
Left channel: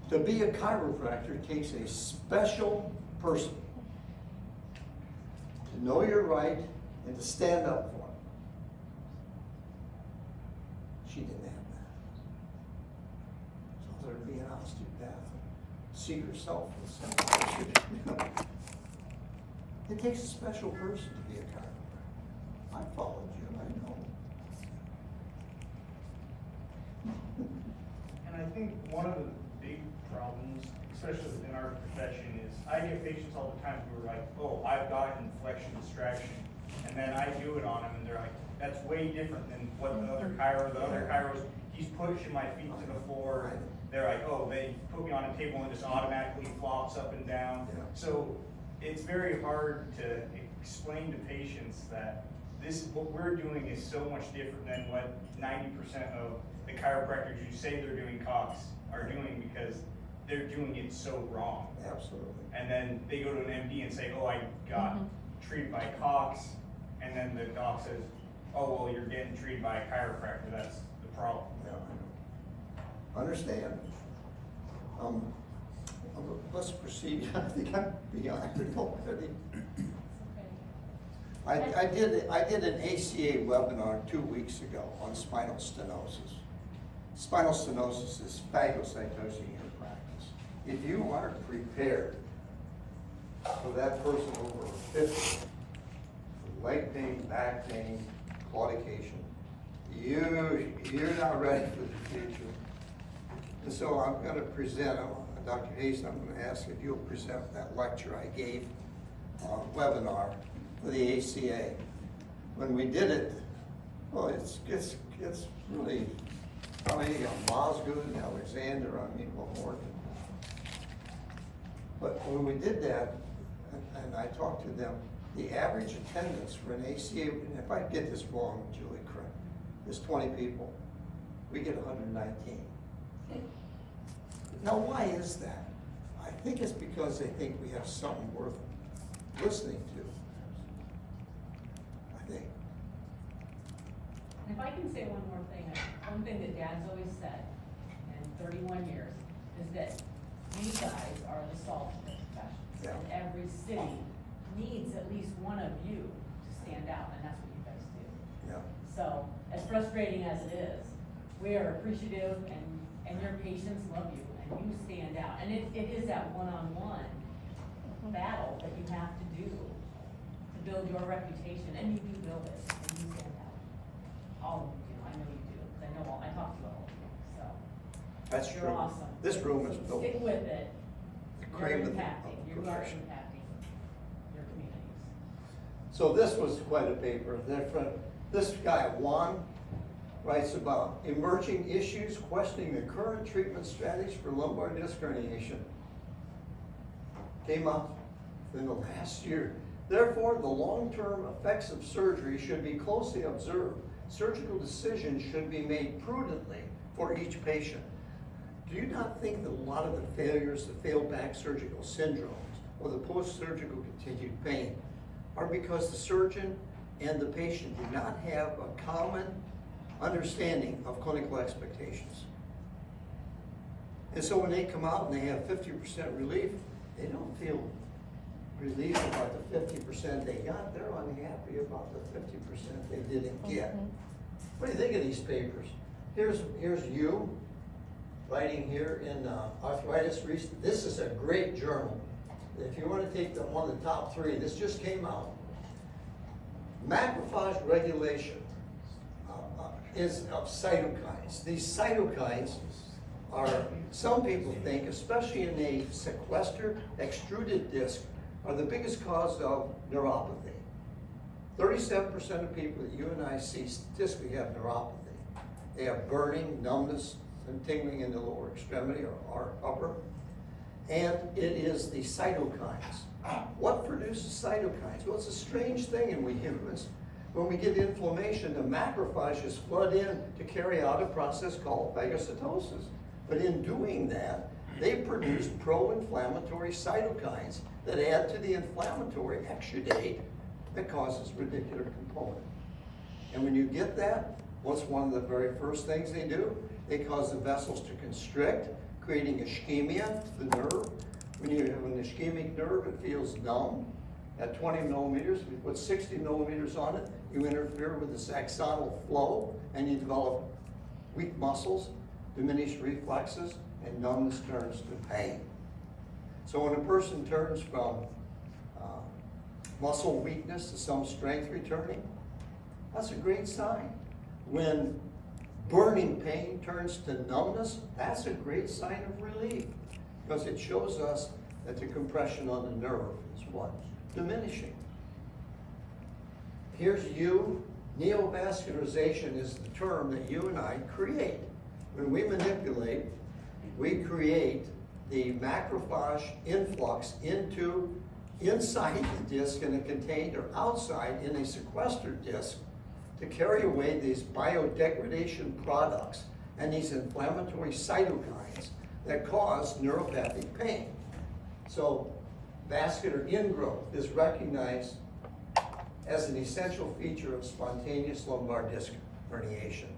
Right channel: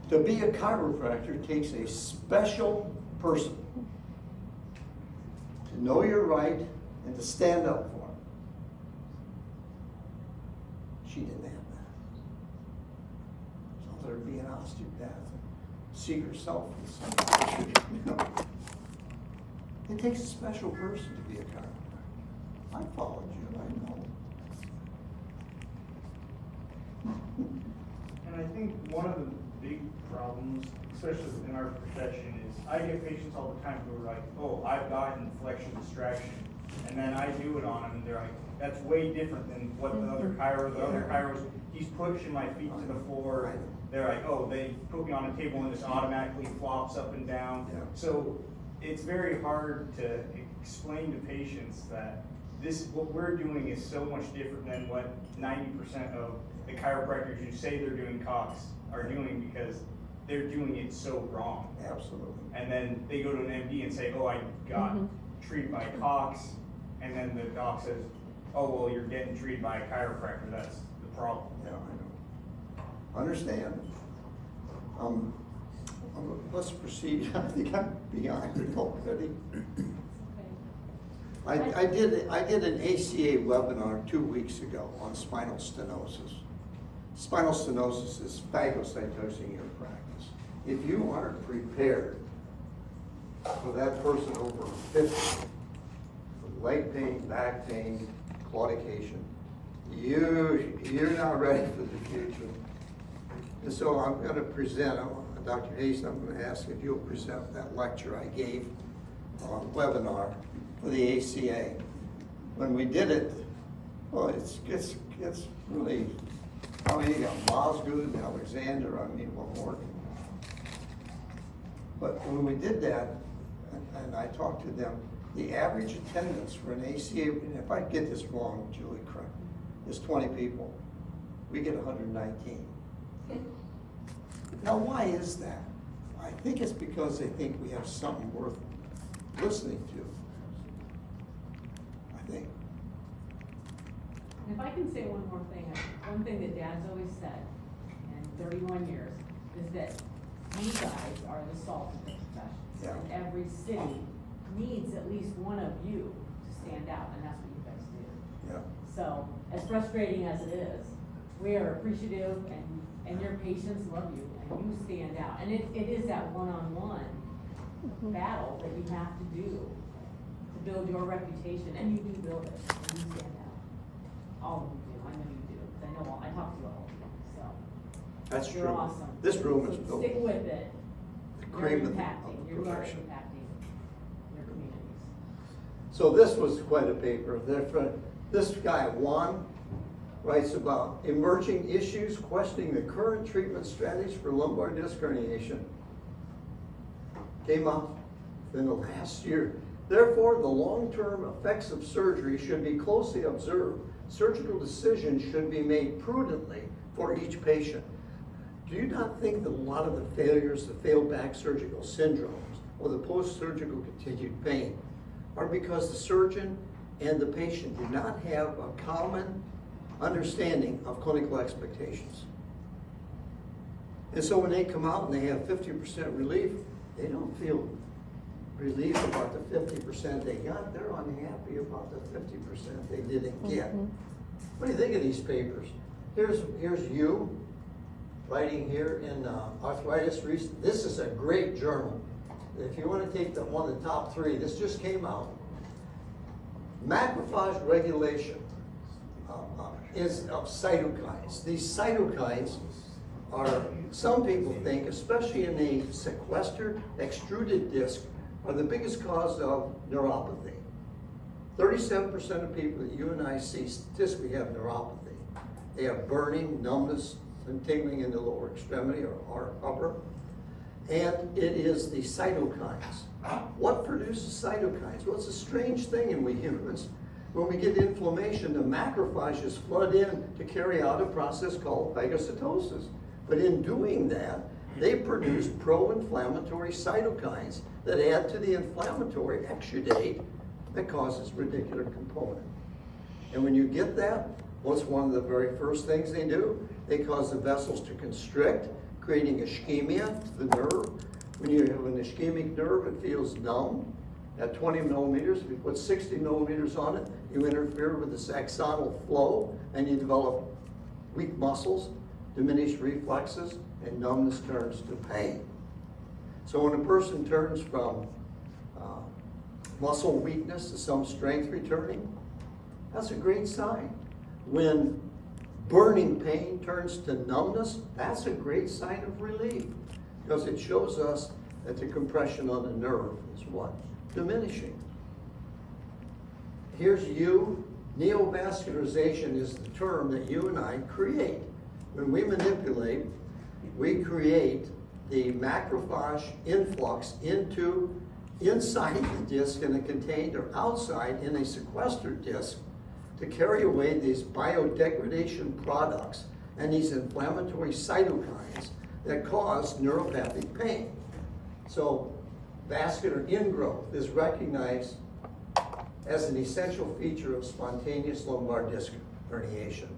To be a chiropractor takes a special person to know you're right and to stand up for it. She didn't have that. So there'd be an osteopath and see herself in some you know. It takes a special person to be a chiropractor. I followed you, I know. And I think one of the big problems, especially in our profession, is I get patients all the time who are like, oh, I've got flexion distraction. And then I do it on them and they're like, that's way different than what the other chiros, he's pushing my feet to the floor. They're like, oh, they put me on a table and it just automatically flops up and down. Yeah. So it's very hard to explain to patients that what we're doing is so much different than what 90% of the chiropractors who say they're doing Cox are doing, because they're doing it so wrong. Absolutely. And then they go to an MD and say, oh, I got treated by Cox, and then the doc says, oh, well, you're getting treated by a chiropractor, that's the problem. Yeah, I know. Understand. Let's proceed. I think I'm behind it already. I did an ACA webinar 2 weeks ago on spinal stenosis. Spinal stenosis is phagocytosing your practice. If you aren't prepared for that person over 50, with leg pain, back pain, claudication, you're not ready for the future. And so I'm gonna present, Dr. Hayes, I'm gonna ask if you'll present that lecture I gave on webinar for the ACA. When we did it, well, it's really, I mean, you got Mosgood, Alexander, I mean, what more? But when we did that, and I talked to them, the average attendance for an ACA, and if I get this wrong, Julie, correct, is 20 people. We get 119. Now, why is that? I think it's because they think we have something worth listening to. I think. If I can say one more thing, one thing that Dad's always said in 31 years is that you guys are the salt of the profession. Yeah. And every city needs at least one of you to stand out, and that's what you guys do. Yeah. So, as frustrating as it is, we are appreciative, and your patients love you, and you stand out. And it is that one-on-one battle that you have to do to build your reputation, and you do build it. And you stand out. All of you do. I know you do. I know. I talk to all of you. So That's you're true. awesome. This room is So built. stick with it. The You're cream of the impacting. You are profession. impacting your communities. So this was quite a paper. This guy, Juan, writes about emerging issues questioning the current treatment strategies for lumbar disc herniation. Came out in the last year. Therefore, the long-term effects of surgery should be closely observed. Surgical decisions should be made prudently for each patient. Do you not think that a lot of the failures, the failed back surgical syndromes, or the post-surgical continued pain are because the surgeon and the patient do not have a common understanding of clinical expectations? And so when they come out and they have 50% relief, they don't feel relief about the 50% they got. They're unhappy about the 50% they didn't get. What do you think of these papers? Here's you writing here in Arthritis. This is a great journal. If you want to take one of the top 3, this just came out. Macrophage regulation is of cytokines. These cytokines are, some people think, especially in a sequestered extruded disc, are the biggest cause of neuropathy. 37% of people that you and I see statistically have neuropathy. They have burning, numbness, and tingling in the lower extremity or upper. And it is the cytokines. What produces cytokines? Well, it's a strange thing in we humans. When we get inflammation, the macrophages flood in to carry out a process called phagocytosis. But in doing that, they produce pro-inflammatory cytokines that add to the inflammatory exudate that causes radicular component. And when you get that, what's one of the very first things they do? They cause the vessels to constrict, creating ischemia to the nerve. When you have an ischemic nerve, it feels numb. At 20 millimeters, if you put 60 millimeters on it, you interfere with the axonal flow and you develop weak muscles, diminished reflexes, and numbness turns to pain. So when a person turns from muscle weakness to some strength returning, that's a great sign. When burning pain turns to numbness, that's a great sign of relief, because it shows us that the compression on the nerve is what? Diminishing. Here's you. Neovascularization is the term that you and I create. When we manipulate, we create the macrophage influx inside the disc in a contained or outside in a sequestered disc to carry away these biodegradation products and these inflammatory cytokines that cause neuropathic pain. So vascular ingrowth is recognized as an essential feature of spontaneous lumbar disc herniation.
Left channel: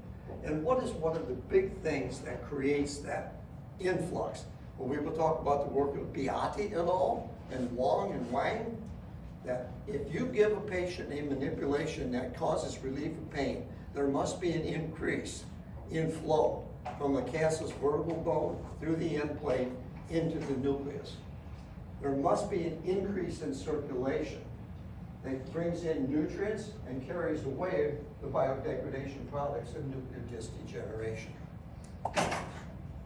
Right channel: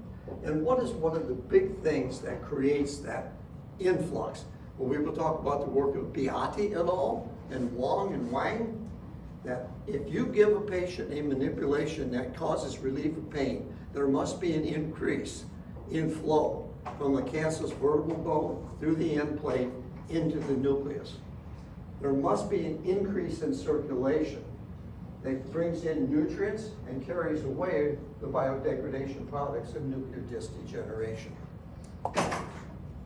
And what is one of the big things that creates that influx? Well, we will talk about the work of Beati et al. And Wong and Wang, that if you give a patient a manipulation that causes relief of pain, there must be an increase in flow from the cancellous vertebral bone through the end plate into the nucleus. there must be an increase in circulation that brings in nutrients and carries away the biodegradation products of nuclear disc degeneration.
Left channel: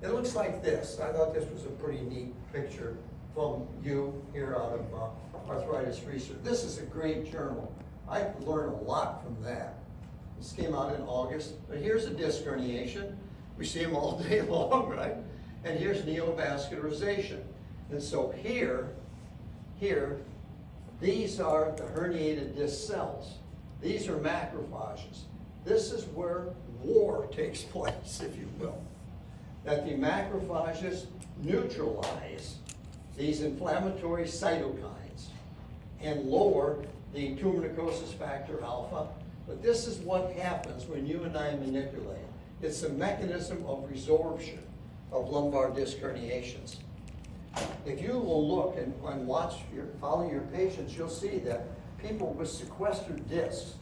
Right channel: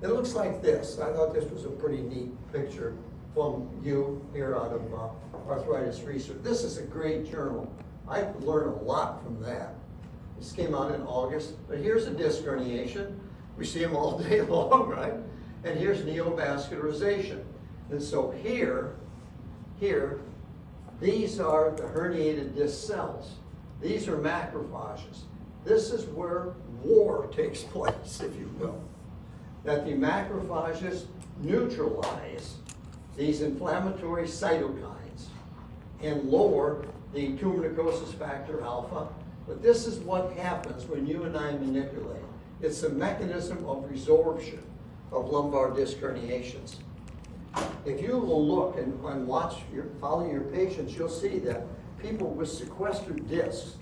It looks like this. I thought this was a pretty neat picture from you here out of Arthritis Research. This is a great journal. I learned a lot from that. This came out in August, but here's a disc herniation. We see them all day long, right? And here's neovascularization. And so here, these are the herniated disc cells. These are macrophages. This is where war takes place, if you will. That the macrophages neutralize these inflammatory cytokines and lower the tumor necrosis factor alpha. But this is what happens when you and I manipulate. It's a mechanism of resorption of lumbar disc herniations. If you will look and follow your patients, you'll see that people with sequestered discs,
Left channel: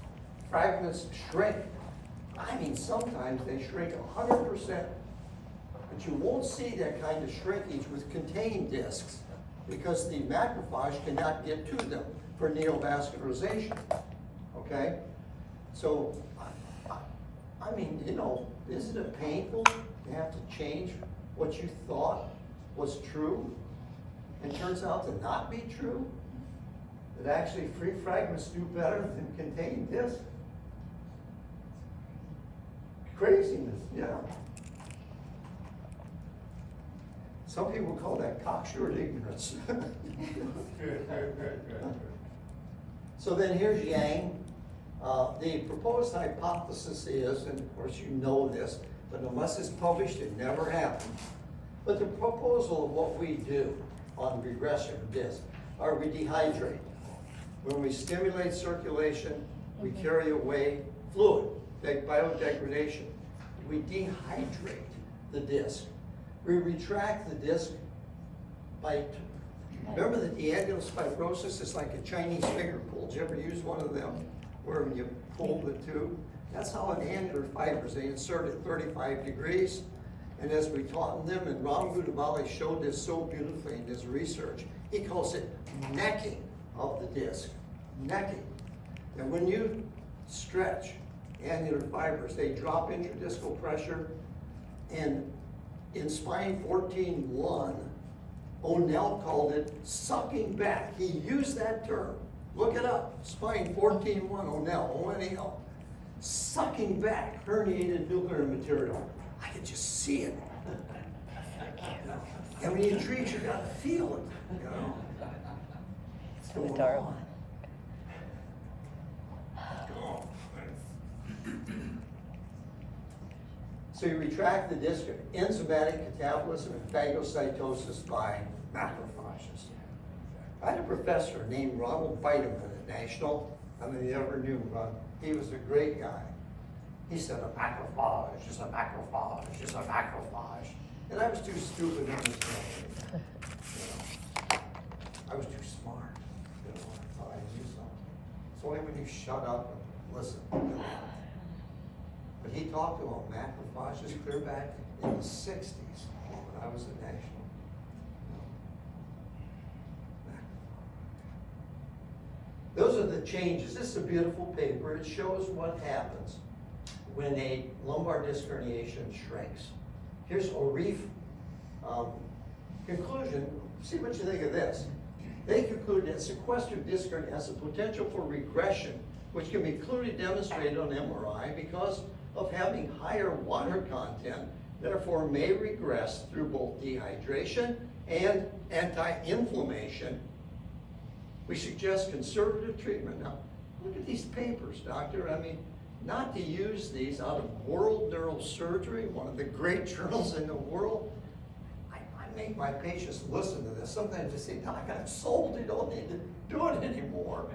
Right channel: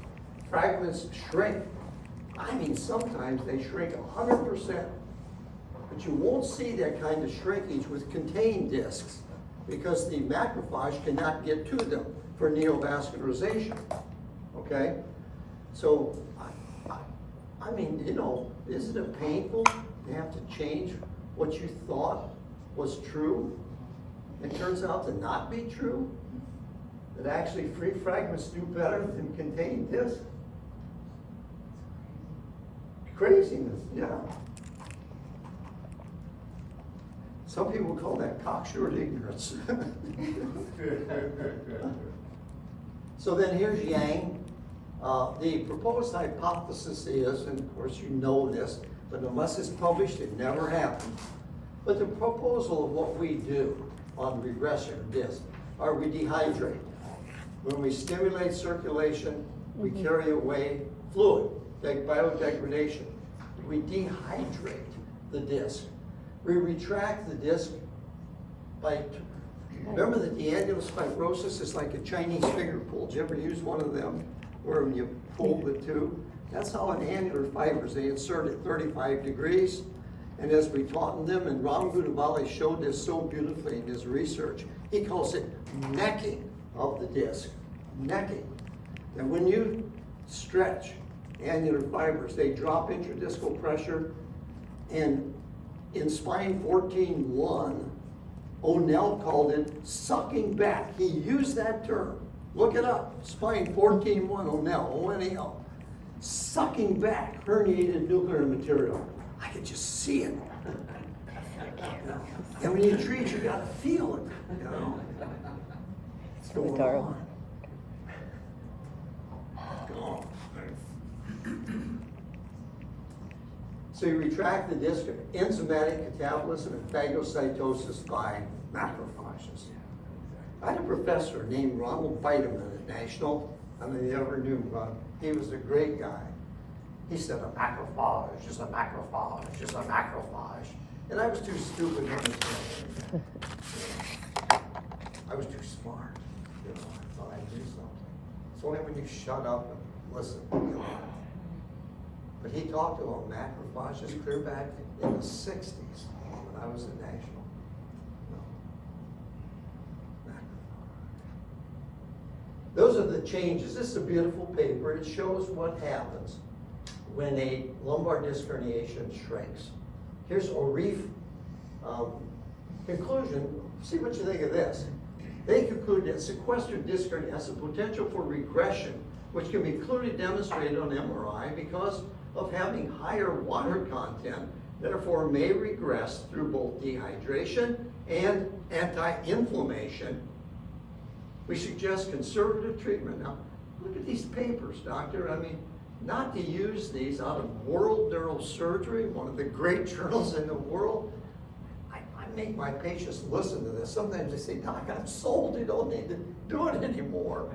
fragments shrink. I mean, sometimes they shrink 100%. But you won't see that kind of shrinkage with contained discs because the macrophage cannot get to them for neovascularization, okay? So, I mean, you know, isn't it painful to have to change what you thought was true and turns out to not be true? That actually free fragments do better than contained discs? Craziness, yeah. Some people call that cocksure ignorance. So then here's Yang. The proposed hypothesis is, and of course you know this, but unless it's published, it never happened. But the proposal of what we do on regression of disc are we dehydrate. When we stimulate circulation, we carry away fluid, like biodegradation. We dehydrate the disc. We retract the disc remember that the annulus fibrosus is like a Chinese finger pull. Did you ever use one of them where you pull the tube? That's how an annular fibers, they insert at 35 degrees. And as we taught them, and Ram Goudabali showed this so beautifully in his research, he calls it necking of the disc, necking. And when you stretch annular fibers, they drop intradiscal pressure, and in Spine 14.1, O'Neill called it sucking back. He used that term. Look it up. Spine 14.1, O'Neill, O-N-E-L. Sucking back herniated nuclear material. I could just see it. And when you treat, you gotta feel it, you know. It's going on. Go on. So you retract the disc of enzymatic catabolism and phagocytosis by macrophages. I had a professor named Ronald Bideman at National. I mean, you ever knew Ron? He was a great guy. He said, a macrophage is a macrophage is a macrophage. And I was too stupid to understand anything. I was too smart. You know, I thought I knew something. It's only when you shut up and listen. You know. But he talked about macrophages clear back in the 60s when I was at National. Those are the changes. This is a beautiful paper. It shows what happens when a lumbar disc herniation shrinks. Here's O'Reef conclusion. See what you think of this. They conclude that sequestered disc hernia has the potential for regression, which can be clearly demonstrated on MRI because of having higher water content, therefore may regress through both dehydration and anti-inflammation. We suggest conservative treatment. Now, look at these papers, doctor. I mean, not to use these out of World Neurosurgery, one of the great journals in the world. I make my patients listen to this. Sometimes they say, Doc, I'm sold, you don't need to do it anymore.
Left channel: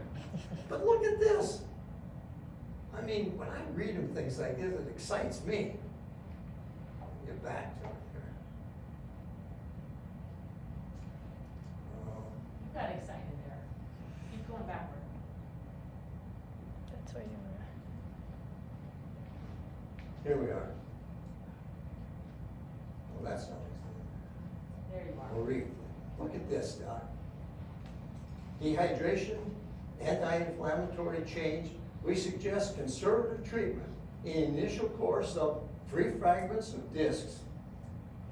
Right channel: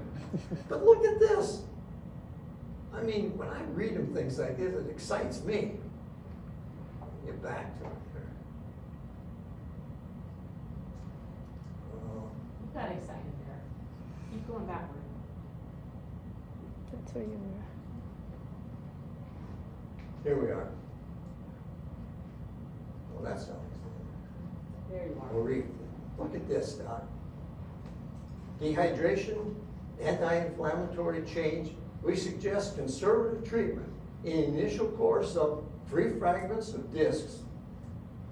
But look at this. I mean, when I read them things like this, it excites me. I'll get back to it here. You got excited there. Keep going backward. That's where you were. Here we are. Well, that's not There you are. We'll read. Look at this, Doc. dehydration, anti-inflammatory change. We suggest conservative treatment in the initial course of 3 fragments of discs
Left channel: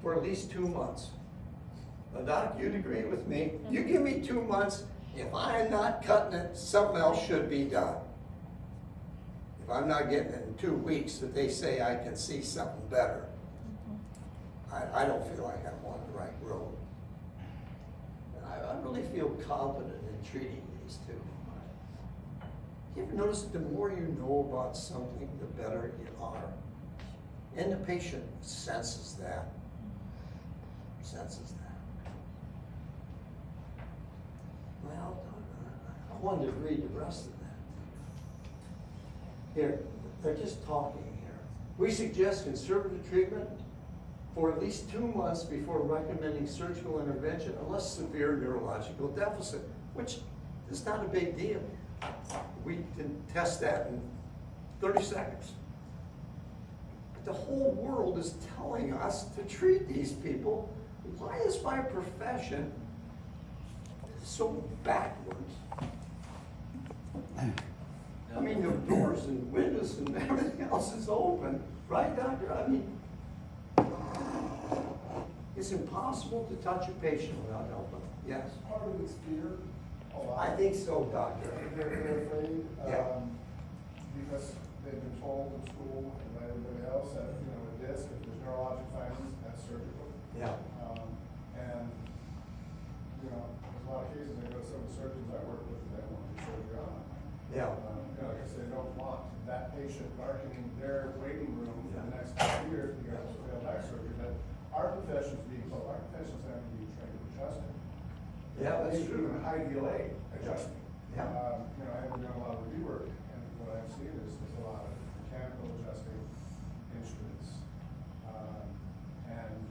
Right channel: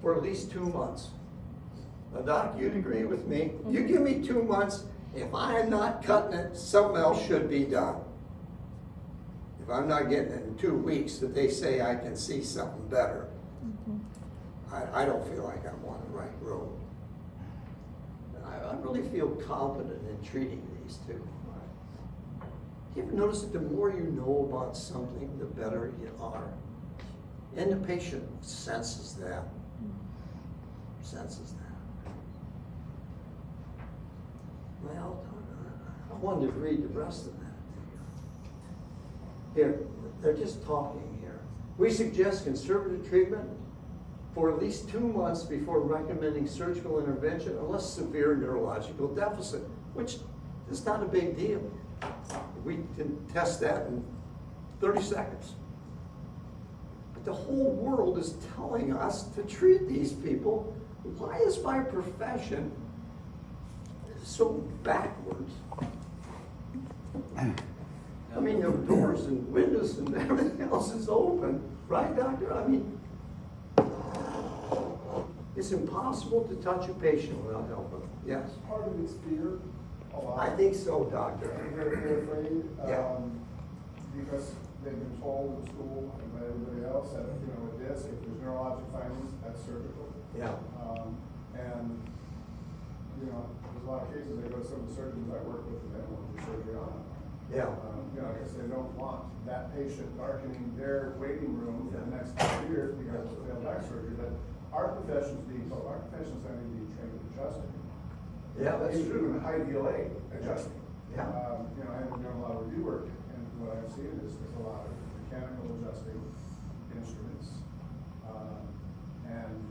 for at least 2 months. Now, Doc, you'd agree with me. You give me 2 months, if I'm not cutting it, something else should be done. If I'm not getting it in 2 weeks, that they say I can see something better, I don't feel like I'm on the right road. I really feel confident in treating these two. You ever notice that the more you know about something, the better you are? And the patient senses that. Senses that. Well, I wanted to read the rest of that to you. Here, they're just talking here. We suggest conservative treatment for at least 2 months before recommending surgical intervention unless severe neurological deficit, which is not a big deal. We can test that in 30 seconds. But the whole world is telling us to treat these people. Why is my profession so backwards? I mean, the doors and windows and everything else is open, right, doctor? I mean, it's impossible to touch a patient without helping them. Yes? Part of it's fear. I think so, doctor. They're afraid, Yeah. because they've been told in school and by everybody else that, you know, a disc, if there's neurologic findings, that's surgical. Yeah. And, you know, there's a lot of cases, I go to some of the surgeons I work with, and they don't want to do surgery on them. Yeah. You know, because they don't want that patient darkening their waiting room for Yeah. the next 5 years because of failed back surgery. But our profession's being told, our profession's not even being trained in adjusting. Yeah, that's true. Even high DLA adjusting. Yeah. You know, I've been doing a lot of review work, and what I've seen is there's a lot of mechanical adjusting instruments. And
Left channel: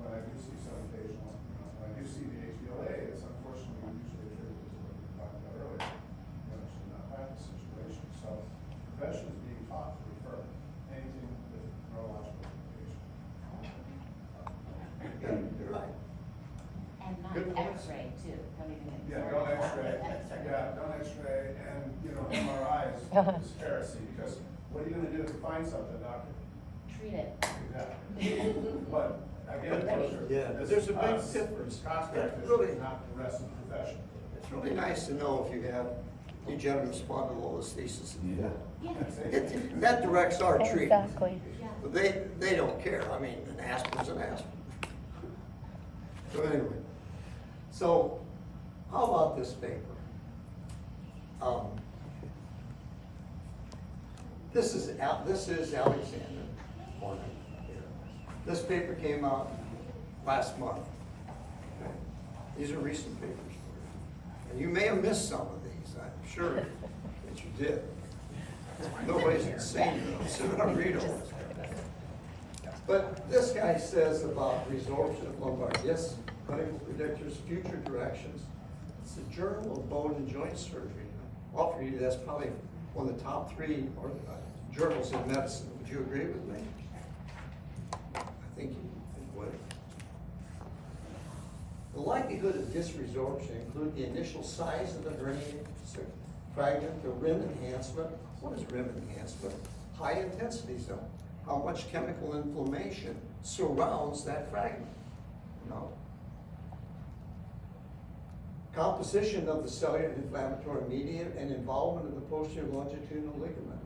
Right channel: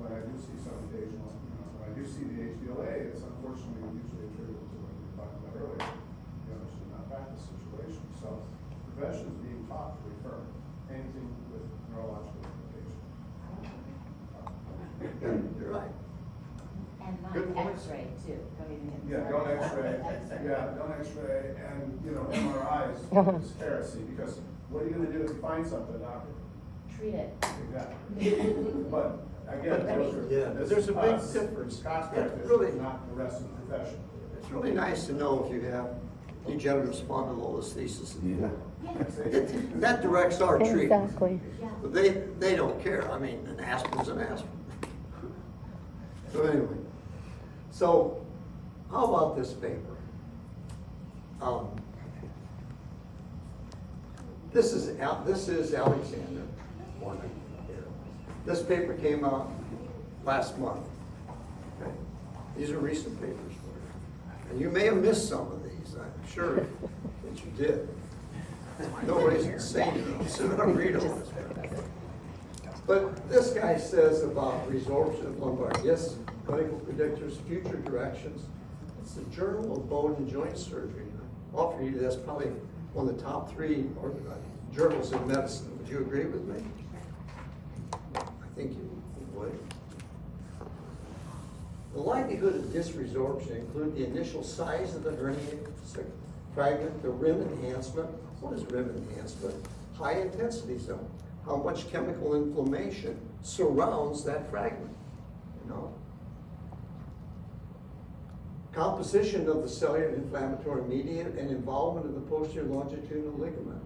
when I do see some occasional, you know, when I do see the HDLA, it's unfortunately usually attributable to what we talked about earlier, you know, it's a malpractice situation. So the profession is being taught to refer anything with neurological limitation. Yeah, you're right. And Good not point. X-ray too, don't even get me Yeah, don't started. X-ray, don't X-ray, and, you know, MRIs is heresy, because what are you gonna do if you find something, doctor? Treat it. Exactly. But, again, those are. Yeah, but there's a big us. difference. Contractors, It's really- not the rest of the profession. It's really nice to know if you have degenerative spondylolisthesis. Yeah. That directs our treatment. Exactly. But they don't care. I mean, an aspirin's an aspirin. So anyway, so how about this paper? This is Alexander Horner here. This paper came out last month. Okay? These are recent papers for you. And you may have missed some of these, I'm sure that you did. Nobody's insane enough to sit and read all this. But this guy says about resorption of lumbar discs, clinical predictors, future directions. It's the Journal of Bone and Joint Surgery. I'll offer you that's probably one of the top 3 journals in medicine. Would you agree with me? I think you would. The likelihood of disc resorption include the initial size of the hernia fragment, the rim enhancement. What is rim enhancement? High intensity zone. How much chemical inflammation surrounds that fragment, you know? Composition of the cellular inflammatory medium and involvement of the posterior longitudinal ligament.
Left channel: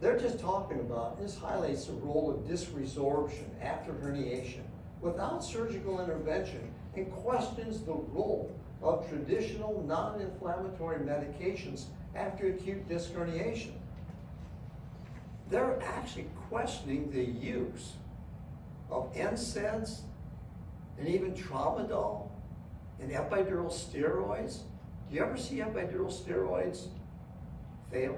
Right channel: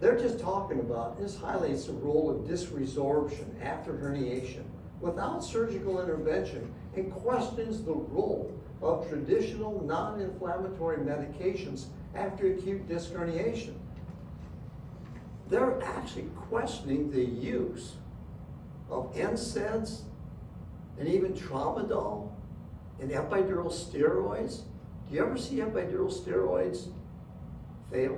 They're just talking about, this highlights the role of disc resorption after herniation without surgical intervention and questions the role of traditional non-inflammatory medications after acute disc herniation. They're actually questioning the use of NSAIDs and even tramadol and epidural steroids. Do you ever see epidural steroids fail?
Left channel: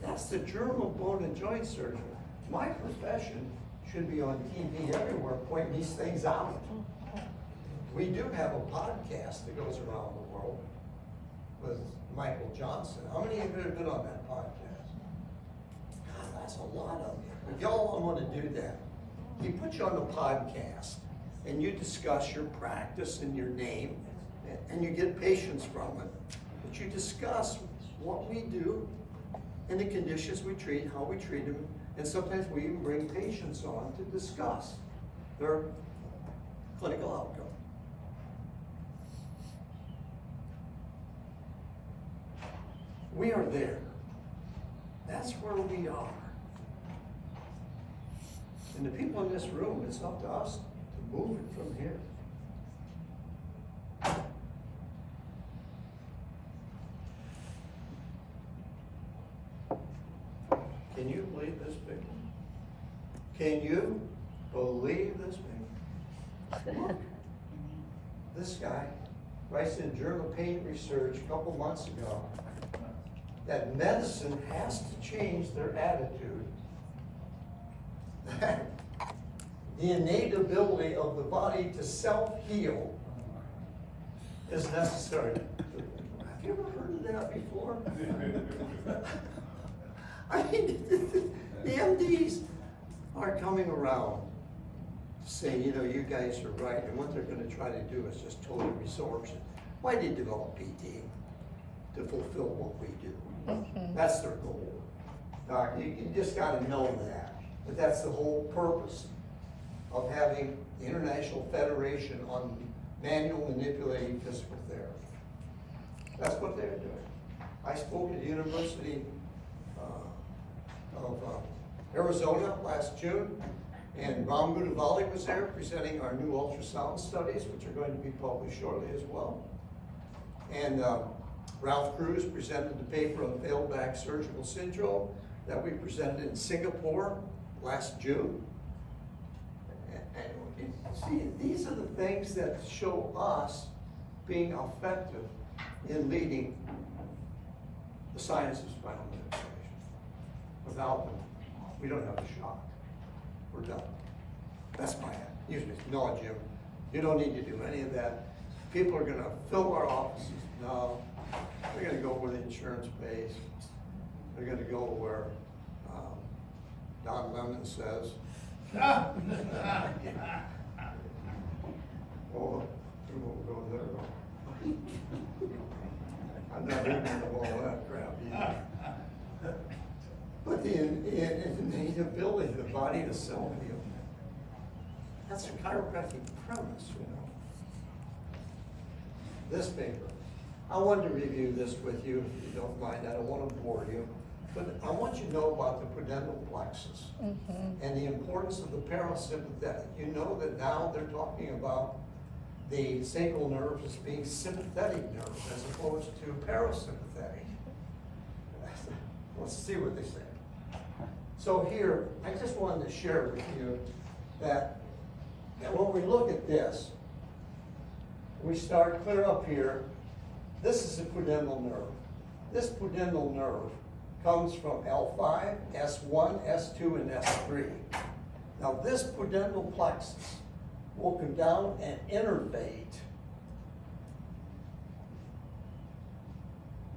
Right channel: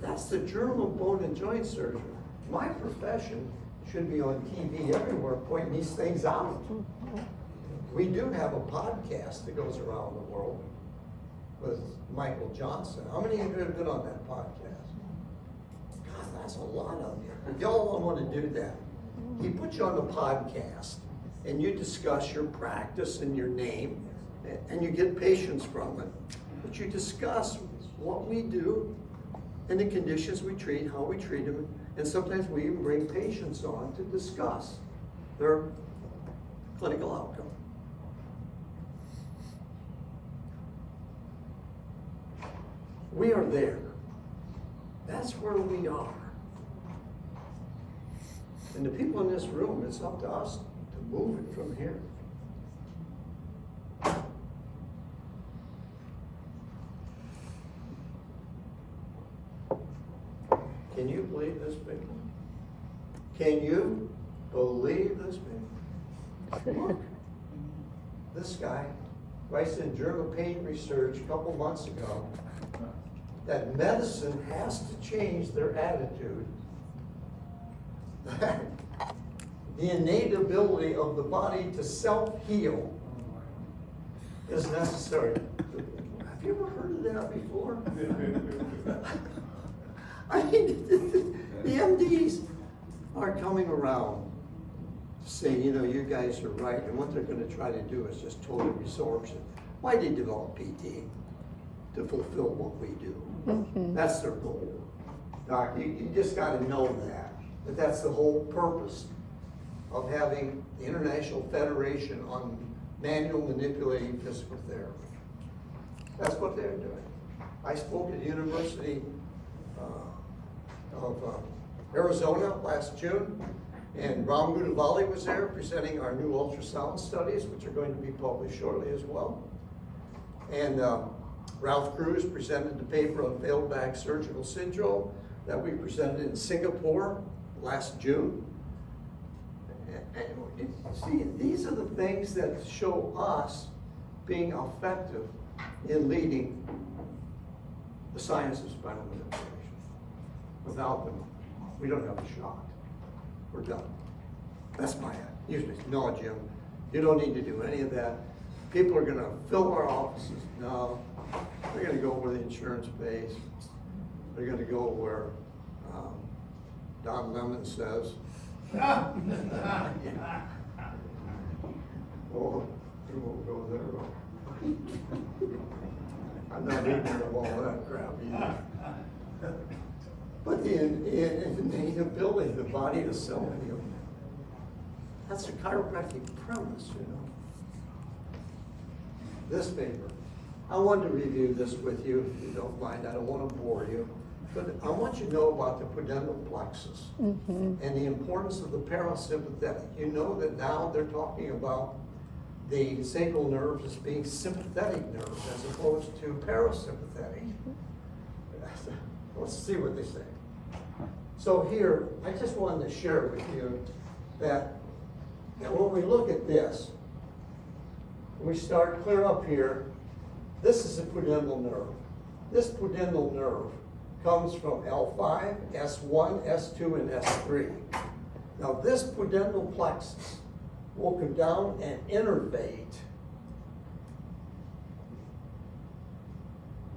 That's the Journal of Bone and Joint Surgery. My profession should be on TV everywhere pointing these things out. We do have a podcast that goes around the world with Michael Johnson. How many of you have been on that podcast? God, that's a lot of you. Y'all don't want to do that. He put you on the podcast, and you discuss your practice and your name, and you get patients from it. But you discuss what we do and the conditions we treat, how we treat them, and sometimes we even bring patients on to discuss their clinical outcome. We are there. That's where we are. And the people in this room, it's up to us to move it from here. Can you believe this big? Can you believe this big? Look, this guy writes in Journal of Pain Research a couple months ago that medicine has to change their attitude. The innate ability of the body to self-heal is necessary. Have you ever heard of that before? I mean, the MDs are coming around to say, you know, you guys are right, and what they're going to try to do is just total resorption. Why did they develop PT? To fulfill what we do. That's their goal. Doc, you just got to know that that's the whole purpose of having the International Federation on Manual Manipulating Physical Therapy. That's what they're doing. I spoke at the University of Arizona last June, and Ram Goudavali was there presenting our new ultrasound studies, which are going to be published shortly as well. And Ralph Cruz presented the paper on failed back surgical syndrome that we presented in Singapore last June. And see, these are the things that show us being effective in leading the science of spinal manipulation. Without them, we don't have a shot. We're done. That's my usually. No, Jim, you don't need to do any of that. People are going to fill our offices. No, they're going to go where the insurance pays. They're going to go where Don Lemon says. Oh, we won't go there. I'm not ignorant of all that crap either. But the innate ability of the body to self-heal. That's a chiropractic premise, you know. This paper. I wanted to review this with you, if you don't mind. I don't want to bore you. But I want you to know about the pudendal plexus and the importance of the parasympathetic. You know that now they're talking about the sacral nerve as being sympathetic nerve as opposed to parasympathetic. Let's see what they say. So here, I just wanted to share with you that when we look at this, we start clear up here. This is a pudendal nerve. This pudendal nerve comes from L5, S1, S2, and S3. Now this pudendal plexus will come down and innervate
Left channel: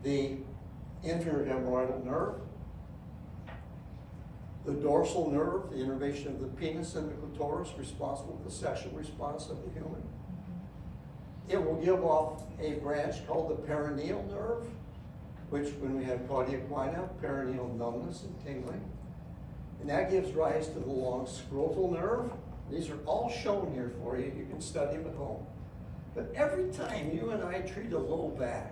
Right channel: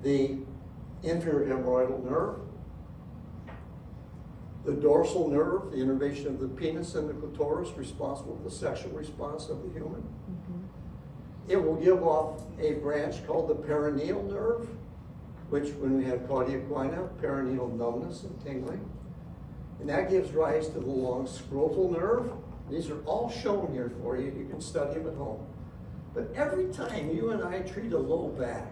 the inferior hemorrhoidal nerve, the dorsal nerve, the innervation of the penis and the clitoris, responsible for the sexual response of the human. It will give off a branch called the perineal nerve, which when we have Claudia Equina, perineal numbness and tingling. And that gives rise to the long scrotal nerve. These are all shown here for you. You can study them at home. But every time you and I treat a low back,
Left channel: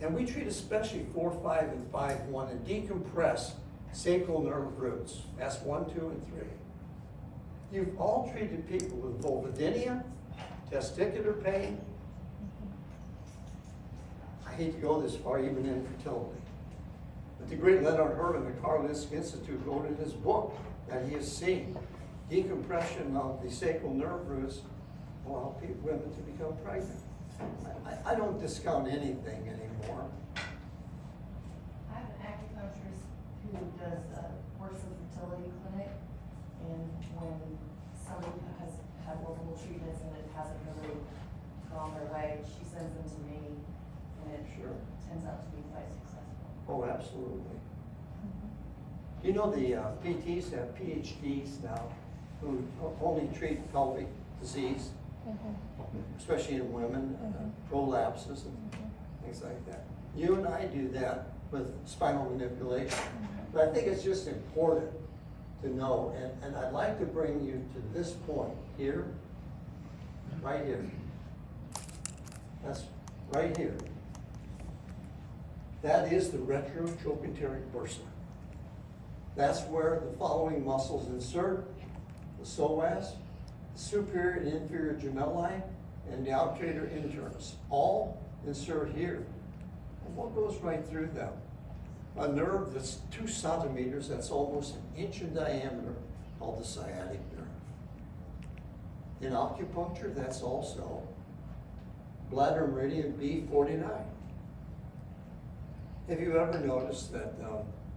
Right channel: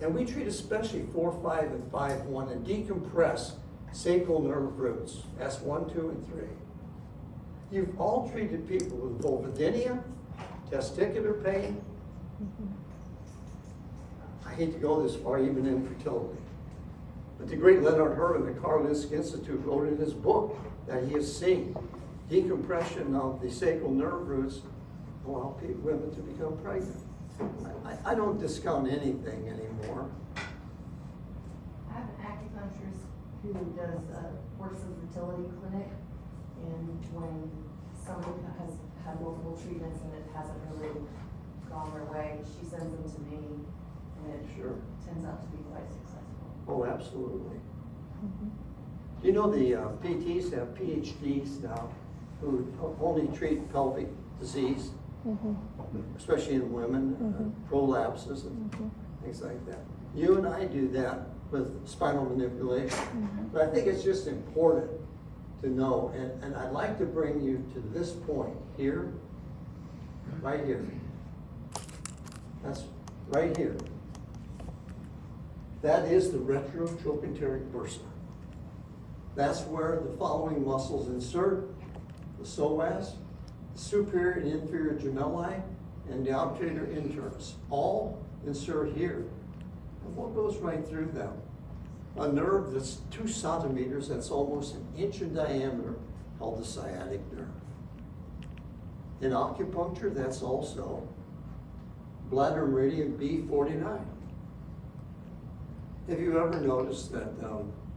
and we treat especially 4, 5, and 5, 1, and decompress sacral nerve roots, S1, 2, and 3. You've all treated people with vulvodynia, testicular pain. I hate to go this far, even infertility. But the great Leonard Herman, the Karolinska Institute, wrote in his book that he has seen decompression of the sacral nerve roots allow women to become pregnant. I don't discount anything anymore. I have an acupuncturist who does works in a fertility clinic, and when somebody has had multiple treatments and it hasn't really gone their way, she sends them to me, and it turns out to be quite successful. Oh, absolutely. You know the PTs have PhDs now who only treat pelvic disease, especially in women, prolapses and things like that. You and I do that with spinal manipulation. But I think it's just important to know, and I'd like to bring you to this point here, right here. That's right here. That is the retrotrochanteric bursa. That's where the following muscles insert: the psoas, the superior and inferior gemelli, and the obturator internus. All insert here. And what goes right through them? A nerve that's 2 centimeters, that's almost an inch in diameter, called the sciatic nerve. In acupuncture, that's also bladder meridian B49. Have you ever noticed that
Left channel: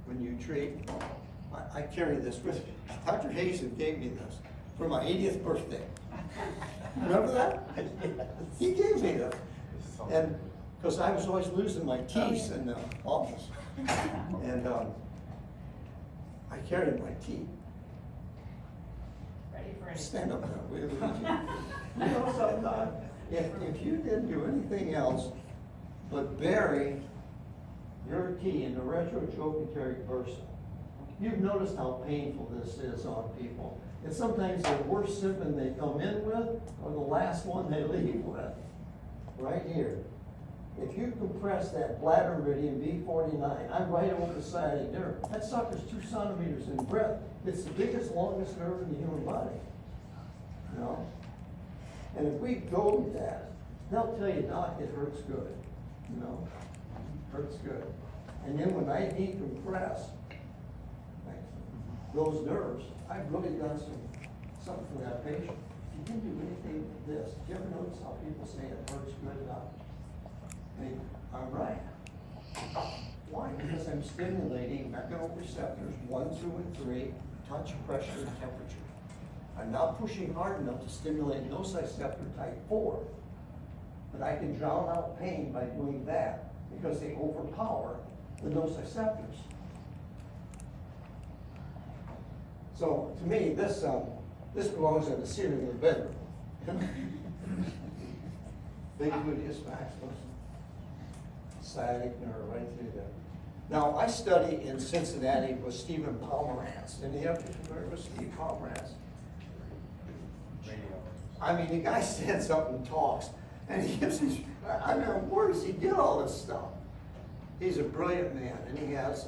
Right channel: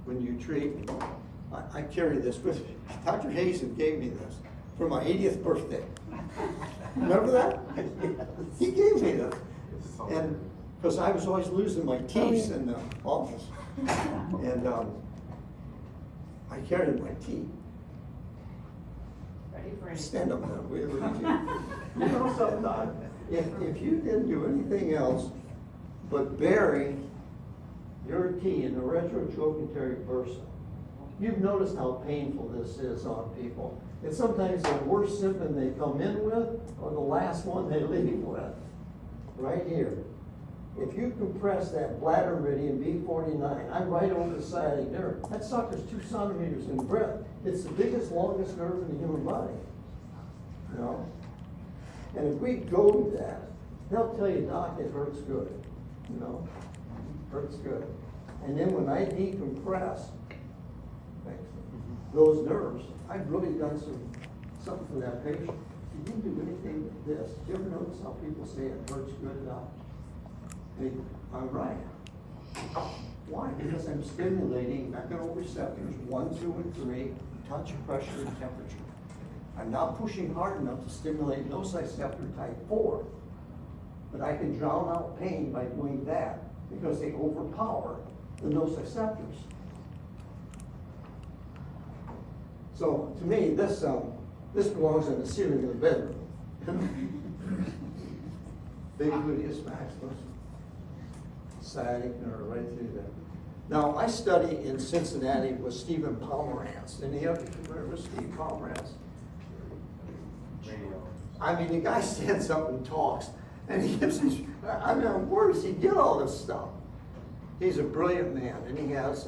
when you treat, I carry this with me. Dr. Hazen gave me this for my 80th birthday. Remember that? He gave me that. And because I was always losing my teeth in the office. And I carried my teeth. Ready for any? Stand up now, we have a teeth. You know something, Doc? If you didn't do anything else but bury your key in the retrotrochanteric bursa, you've noticed how painful this is on people. It's sometimes the worst symptom they come in with or the last one they leave with. Right here. If you compress that bladder meridian B49, I'm right over the sciatic nerve. That sucker's 2 centimeters in breadth. It's the biggest, longest nerve in the human body. You know? And if we go to that, they'll tell you, Doc, it hurts good. You know? Hurts good. And then when I decompress those nerves, I've really done something for that patient. If you do anything with this, do you ever notice how people say it hurts good, Doc? I'm right. Why? Because I'm stimulating mechanoreceptors 1, 2, and 3, touch, pressure, and temperature. I'm not pushing hard enough to stimulate nociceptor type 4, but I can drown out pain by doing that because they overpower the nociceptors. So to me, this belongs in the ceiling of the bedroom. Big gluteus maximus. Sciatic nerve right through there. Now, I study in Cincinnati with Stephen Pomerantz. Any of you familiar with Steve Pomerantz? I mean, the guy stands up and talks, and he gives these, I mean, where does he get all this stuff? He's a brilliant man, and he has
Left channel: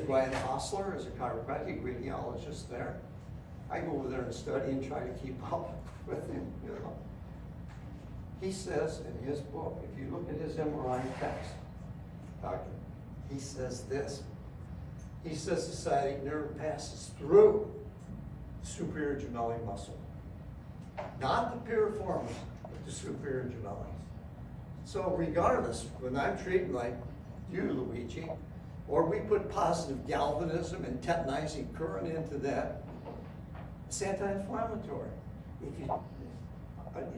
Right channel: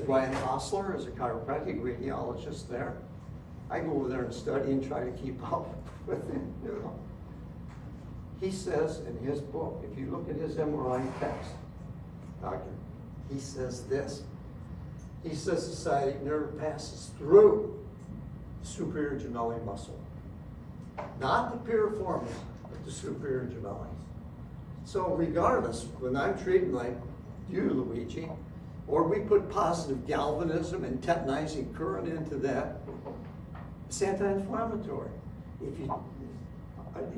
Brian Hostler as a chiropractic radiologist there. I go over there and study and try to keep up with him, you know. He says in his book, if you look at his MRI text, doctor, he says this. He says the sciatic nerve passes through the superior gemelli muscle. Not the piriformis, but the superior gemelli. So regardless, when I'm treating like you, Luigi, or we put positive galvanism and tetanizing current into that, it's anti-inflammatory.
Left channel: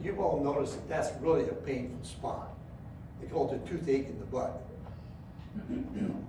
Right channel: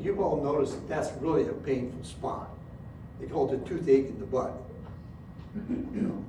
You've all noticed that that's really a painful spot. They call it a toothache in the butt. You know?